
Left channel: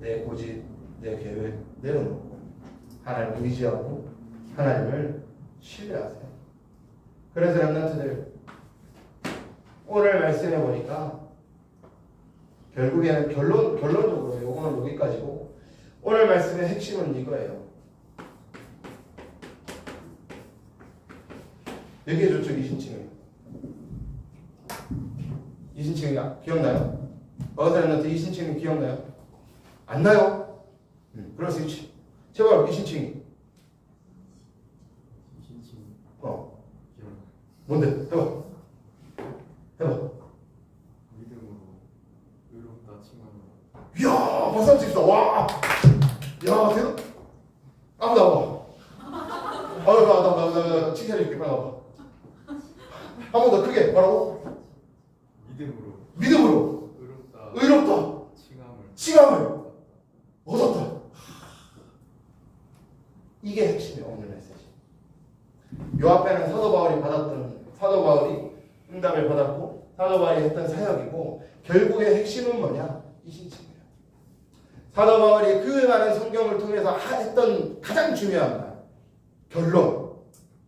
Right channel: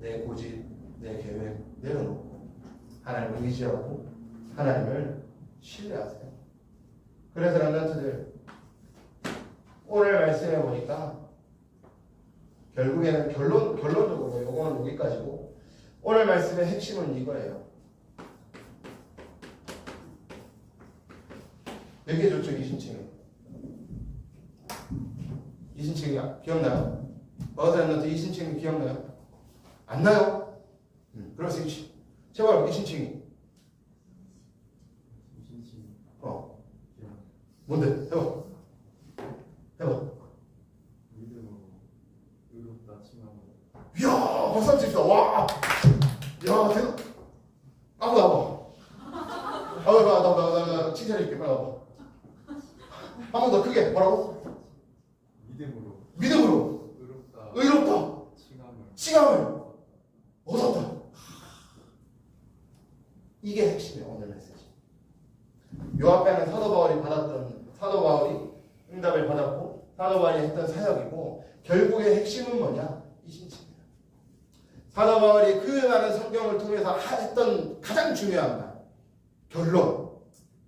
내 고집, 내 계획 내려놓고 하나님을 의지하고 하나님을 신뢰하세요. 그래서 렘넌트들 오늘 말씀해 보니까 결국에는 결론적으로 이건 여기까지고 오늘 말씀의 핵심은 이거예요. 여기에 저쪽 이신칭이에요. 이신칭이 기억나요? 어거사님한테 이신칭이 기억나요? 안 나요? 그럼 스위치. 제발 이신칭이. 이신칭. 기억. 뭔데? 해봐. 믿음으로 의롭다 칭함으로. 이야, 박수 한번 칩시다. 와, 야, 대박. 아무도 나 칭찬해줄게. 빨리 와봐. 한 번 더 크게. 뭐라고? 믿음으로. 의롭다. 칭함을 얻었다. 이게 핵심이에요, 오늘 메시지. 요 앞에는 사도 바울이 응답을 받았고 사도 바울이 했던 사역이고 결국의 핵심은 뭐냐? 이신칭이에요. 사도 바울이 그 많은 성경을 통해서 했던 가장 중요한 말, 결론,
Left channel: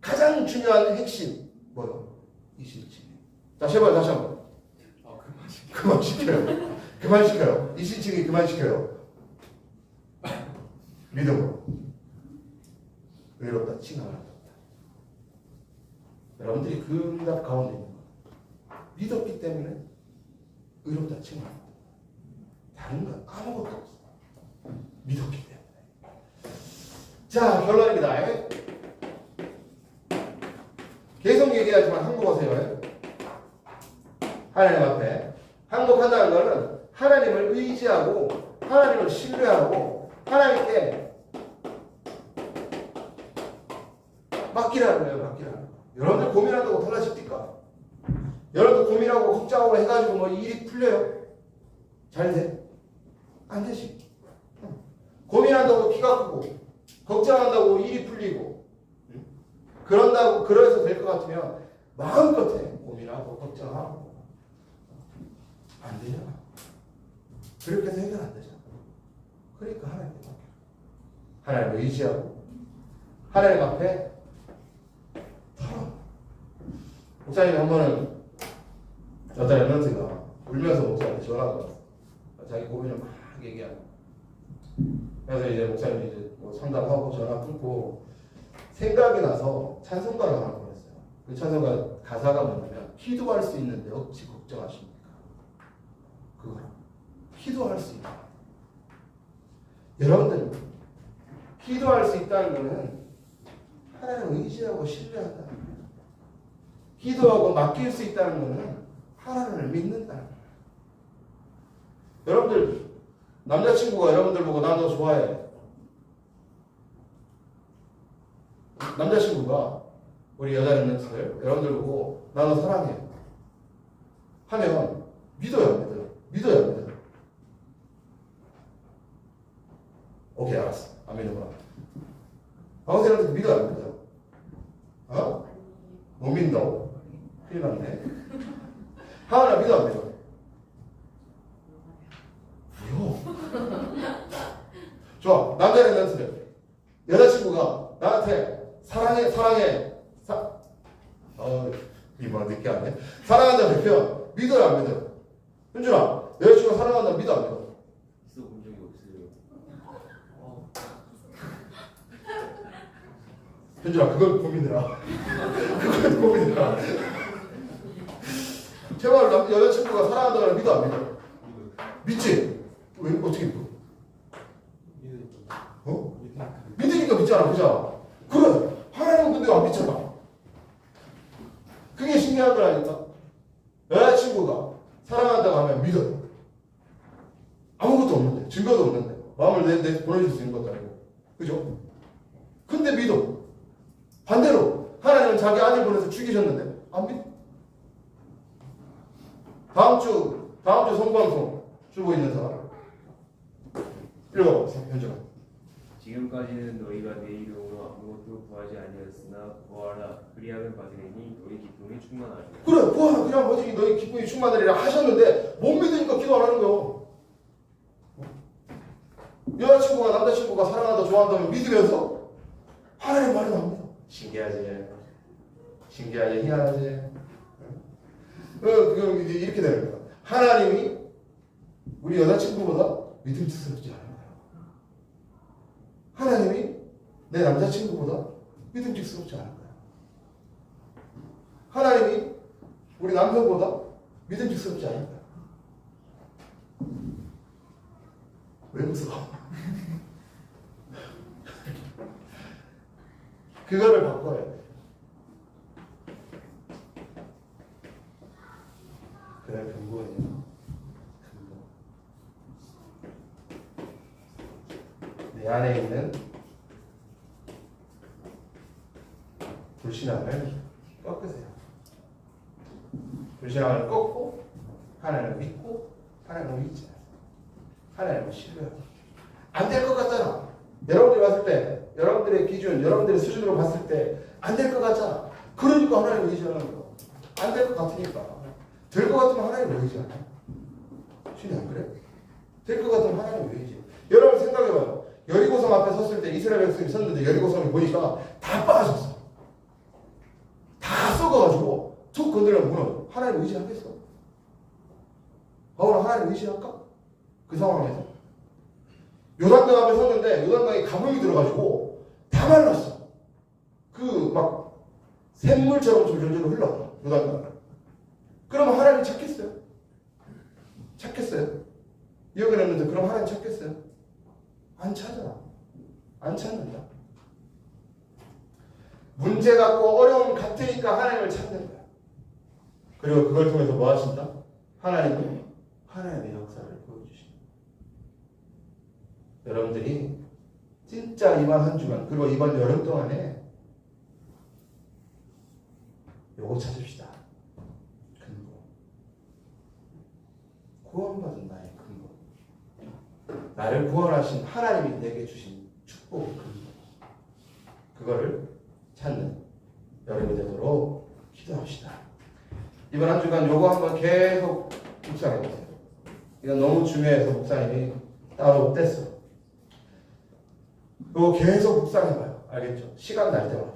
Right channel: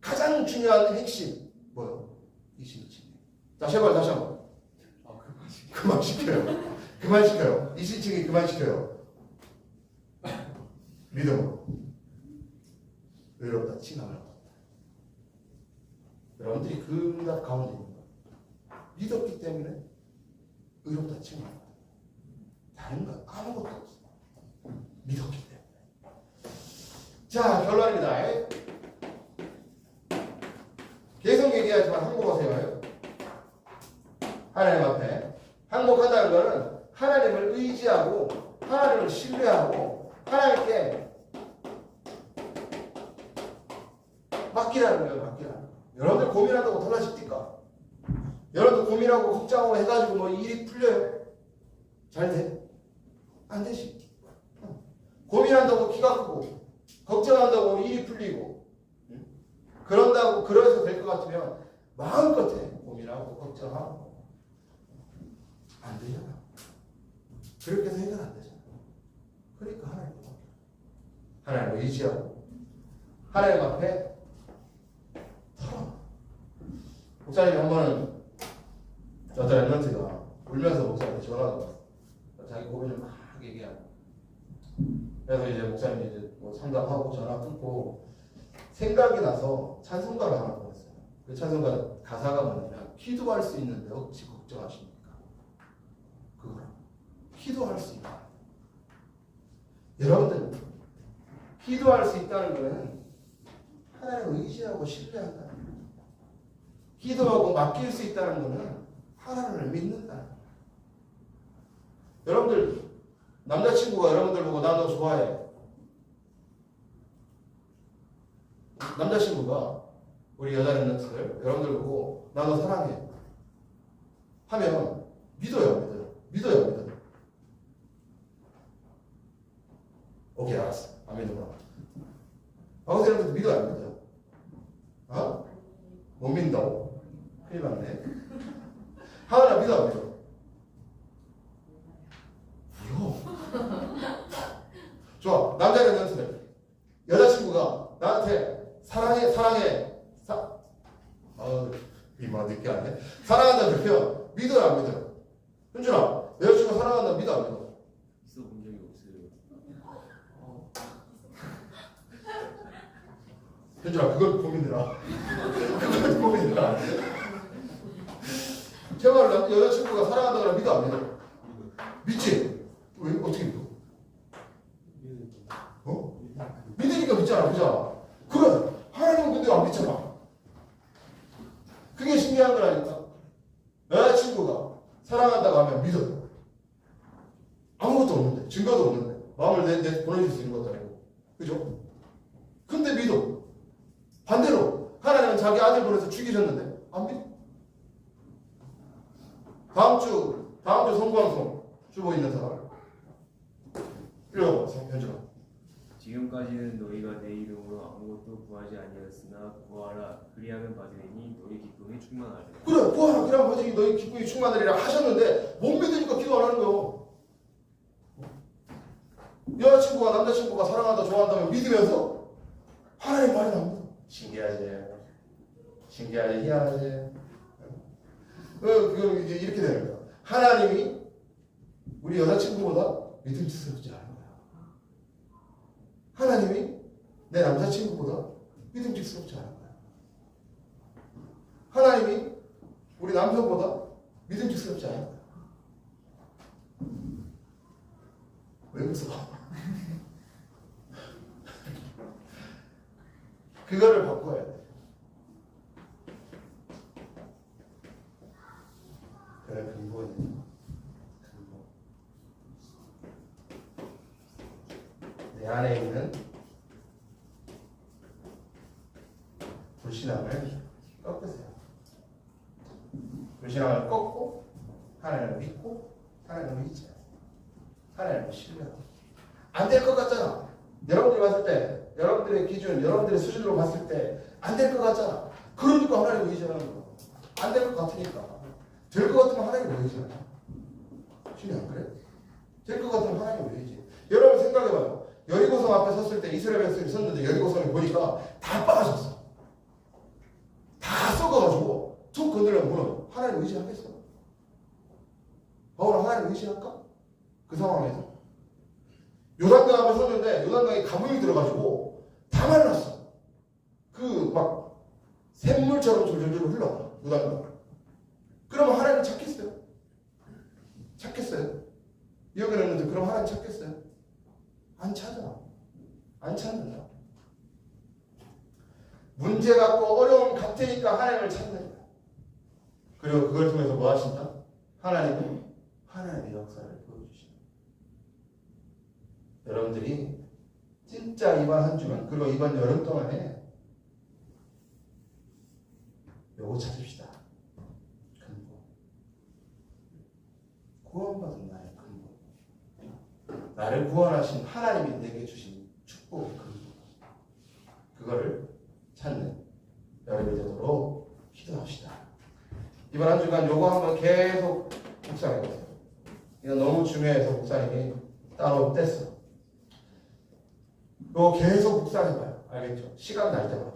가장 중요한 핵심 뭐요? 이신칭이에요. 자, 제발 다시 한번. 그만 시켜요. 이신칭이 그만 시켜요. 믿음으로 의롭다 칭함을 얻었다. 여러분들이 그 응답 가운데 있는 거예요. 믿었기 때문에 의롭다 칭함을 얻었다. 다른 건 아무것도 없어. 믿었기 때문에. 자, 결론입니다. 계속 얘기하지만 항복하세요. 하나님 앞에 항복한다는 것은 하나님을 의지하고 하나님을 신뢰하고 하나님께 맡기라는 거예요. 맡기라는 거. 여러분들 고민한다고 달라집니까? 여러분들 고민하고 걱정하고 해가지고 뭐 일이 풀려요? 잘 돼? 안 되지. 고민한다고 키가 크고 걱정한다고 일이 풀리고 그래서 될 것 같으면 마음껏 해. 고민하고 걱정하고 안 되잖아. 그렇게 해서 해결 안 되잖아. 그러니까 하나님을 의지하고 하나님 앞에 털어. 목사님 한 번은 어떤 렘넌트가 울면서 목사님한테 전화가 왔어. 자기 고민을 막 얘기하고. 그래서 이제 목사님이 이제 뭐 상담하고 전화 끊고 생각이 나서 찬송가를 하나 보냈어요. 그 찬송가 가사가 뭐냐면 기도할 수 있는데 어찌 걱정하십니까? 그거 기도할 수 있다. 여러분들 기도할 수 있다는 것은 하나님을 의지하고 신뢰한다는 거예요. 기도하고 맡길 수 있다는 것은 하나님을 믿는다는 거예요. 여러분들 남자친구가 여러분들 보고 나 너 좋아해. 남자친구가 우리 여자 렘넌트들 여러분들 보고 나 너 사랑해 하면 믿어요. 믿어요. 오케이, 알았어. 안 믿어봐. 방어생활도 믿어요, 안 믿어요? 어? 못 믿는다고? 큰일 났네. 하나 믿어, 안 믿어? 물어. 좋아. 남자는 멘트래. 여자친구가 나한테 사랑해. 이만 늦게 왔네. 사랑한다는 표현 믿어요, 안 믿어요? 현준아, 여자친구가 사랑한다 믿어, 안 믿어? 있어 본 적이 없어요. 현준아, 그걸 고민해라. 그걸 고민해라. 제발 여자친구가 사랑한다고 믿어, 안 믿어? 믿지? 왜 어떻게 믿어? 어? 믿으니까 믿잖아, 그죠? 그래, 하나님은 근데 안 믿잖아. 그게 신기한 거라니까. 여자친구가 사랑한다고 하면 믿어요. 아무것도 없는데, 증거도 없는데, 마음을 내 보내줄 수 있는 것도 아니고, 그죠? 근데 믿어. 반대로 하나님은 자기 아들 보내서 죽이셨는데 안 믿어. 다음 주 성방송 주고 있는 사람 읽어보세요. 현준아. 지금까지는 너희가 내 이름으로 아무것도 구하지 아니하였으나 구하라 그리하면 받으리니 너희 기쁨이 충만하리라. 그래, 구하라 그냥 뭐지 너희 기쁨이 충만하리라 하셨는데 못 믿으니까 기도 안 하는 거예요. 여자친구가 남자친구가 사랑한다 좋아한다면 믿으면서 하나님 말이 안 믿어. 신기하지, 희한하지. 그럼 이제 이렇게 되는 거야. 하나님이 우리 여자친구보다 믿음직스럽지 않아요. 하나님이 내 남자친구보다 믿음직스럽지 않아요. 하나님이 우리 남편보다 믿음직스럽지 않아요. 왜 웃어? 그거를 바꿔야 돼. 그래, 근거예요. 근거. 내 안에 있는 불신앙을 꺾으세요. 불신앙을 꺾고 하나님을 믿고 하나님을 믿지 마세요. 하나님을 신뢰하고. 안 될 것 같잖아. 여러분들이 봤을 때, 여러분들의 기준, 여러분들의 수준으로 봤을 때 안 될 것 같잖아. 그러니까 하나님을 의지하는 거야. 안 될 것 같으니까. 될 것 같으면 하나님을 의지하냐? 신이 안 그래? 될 것 같으면 하나님을 의지. 여러분 생각해봐요. 여리고성 앞에 섰을 때 이스라엘 백성이 섰는데 여리고성이 보니까 다 빠졌어. 다 썩어가지고 툭 건드리면 무너. 하나님 의지하겠어? 바울은 하나님 의지할까? 그 상황에서. 요단강 앞에 섰는데 요단강에 가물이 들어가지고 다 말랐어. 그 막 샘물처럼 졸졸졸 흘러 요단강. 그러면 하나님 찾겠어요? 찾겠어요? 여기 없는데 그럼 하나님 찾겠어요? 안 찾아. 안 찾는다. 문제 갖고 어려움 같으니까 하나님을 찾는 거야. 그리고 그걸 통해서 뭐 하신다? 하나님의 역사를 보여주신다. 여러분들이 진짜 이번 한 주간 그리고 이번 여름 동안에 요거 찾읍시다. 근거. 구원받은 나의 근거. 나를 구원하신 하나님이 내게 주신 축복 근거. 그거를 찾는 여러분이 되도록 기도합시다. 이번 한 주간 요거 한번 계속 묵상해보세요. 이건 너무 중요해서 목사님이 따로 뗐어요. 요거 계속 묵상해봐요. 알겠죠? 시간 날 때마다.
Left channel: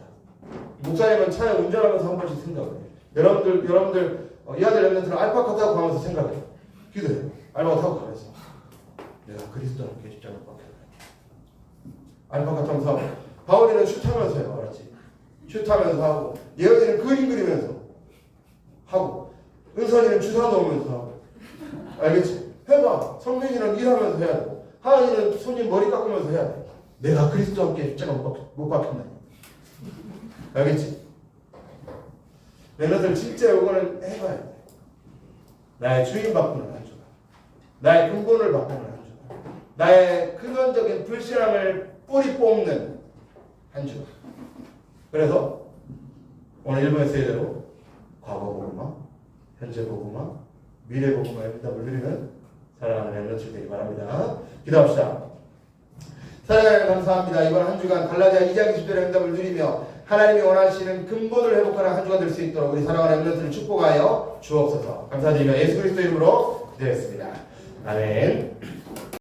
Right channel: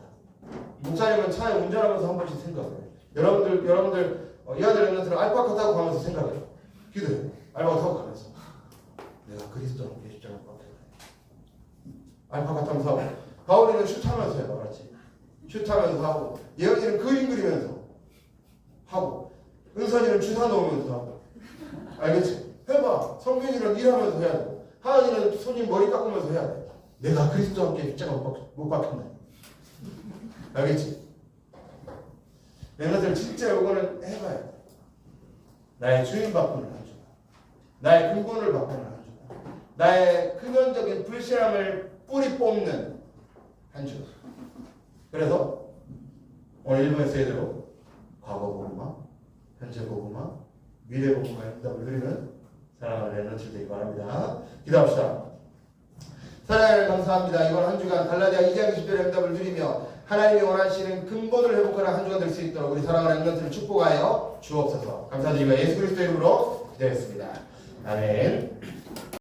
목사님은 차에 운전하면서 한 번씩 생각해요. 여러분들 이 아들 랩런트는 알파카 타고 가면서 생각해요. 기도해요. 알파카 타고 가면서 내가 그리스도와 함께 십자가 박혀라. 알파카 타면서 하고 바울이는 슛하면서 해요. 알았지? 슛하면서 하고 예언이는 그림 그리면서 하고 은선이는 주사 놓으면서 하고 알겠지? 해봐. 성민이는 일하면서 해야 되고 하은이는 손님 머리 깎으면서 해야 돼. 내가 그리스도와 함께 십자가 못 박힌다. 알겠지? 랩런트는 진짜 이거는 해봐야 돼. 나의 주인 바꾸는 한 주간, 나의 근본을 바꾸는 한 주간, 나의 근원적인 불신함을 뿌리 뽑는 한 주간. 그래서 오늘 1번 에세이대로 과거 복음화, 현재 복음화, 미래 복음의 응답을 누리는 사랑하는 랩런트 되기 바랍니다. 기도합시다. 사랑하는 감사합니다. 이번 한 주간 갈라디아 2장 20절의 응답을 누리며 하나님이 원하시는 근본을 회복하는 한 주간 될 수 있도록 우리 사랑하는 랩런트를 축복하여 주옵소서. 감사드리며 예수 그리스도 이름으로 기도했습니다. 아멘.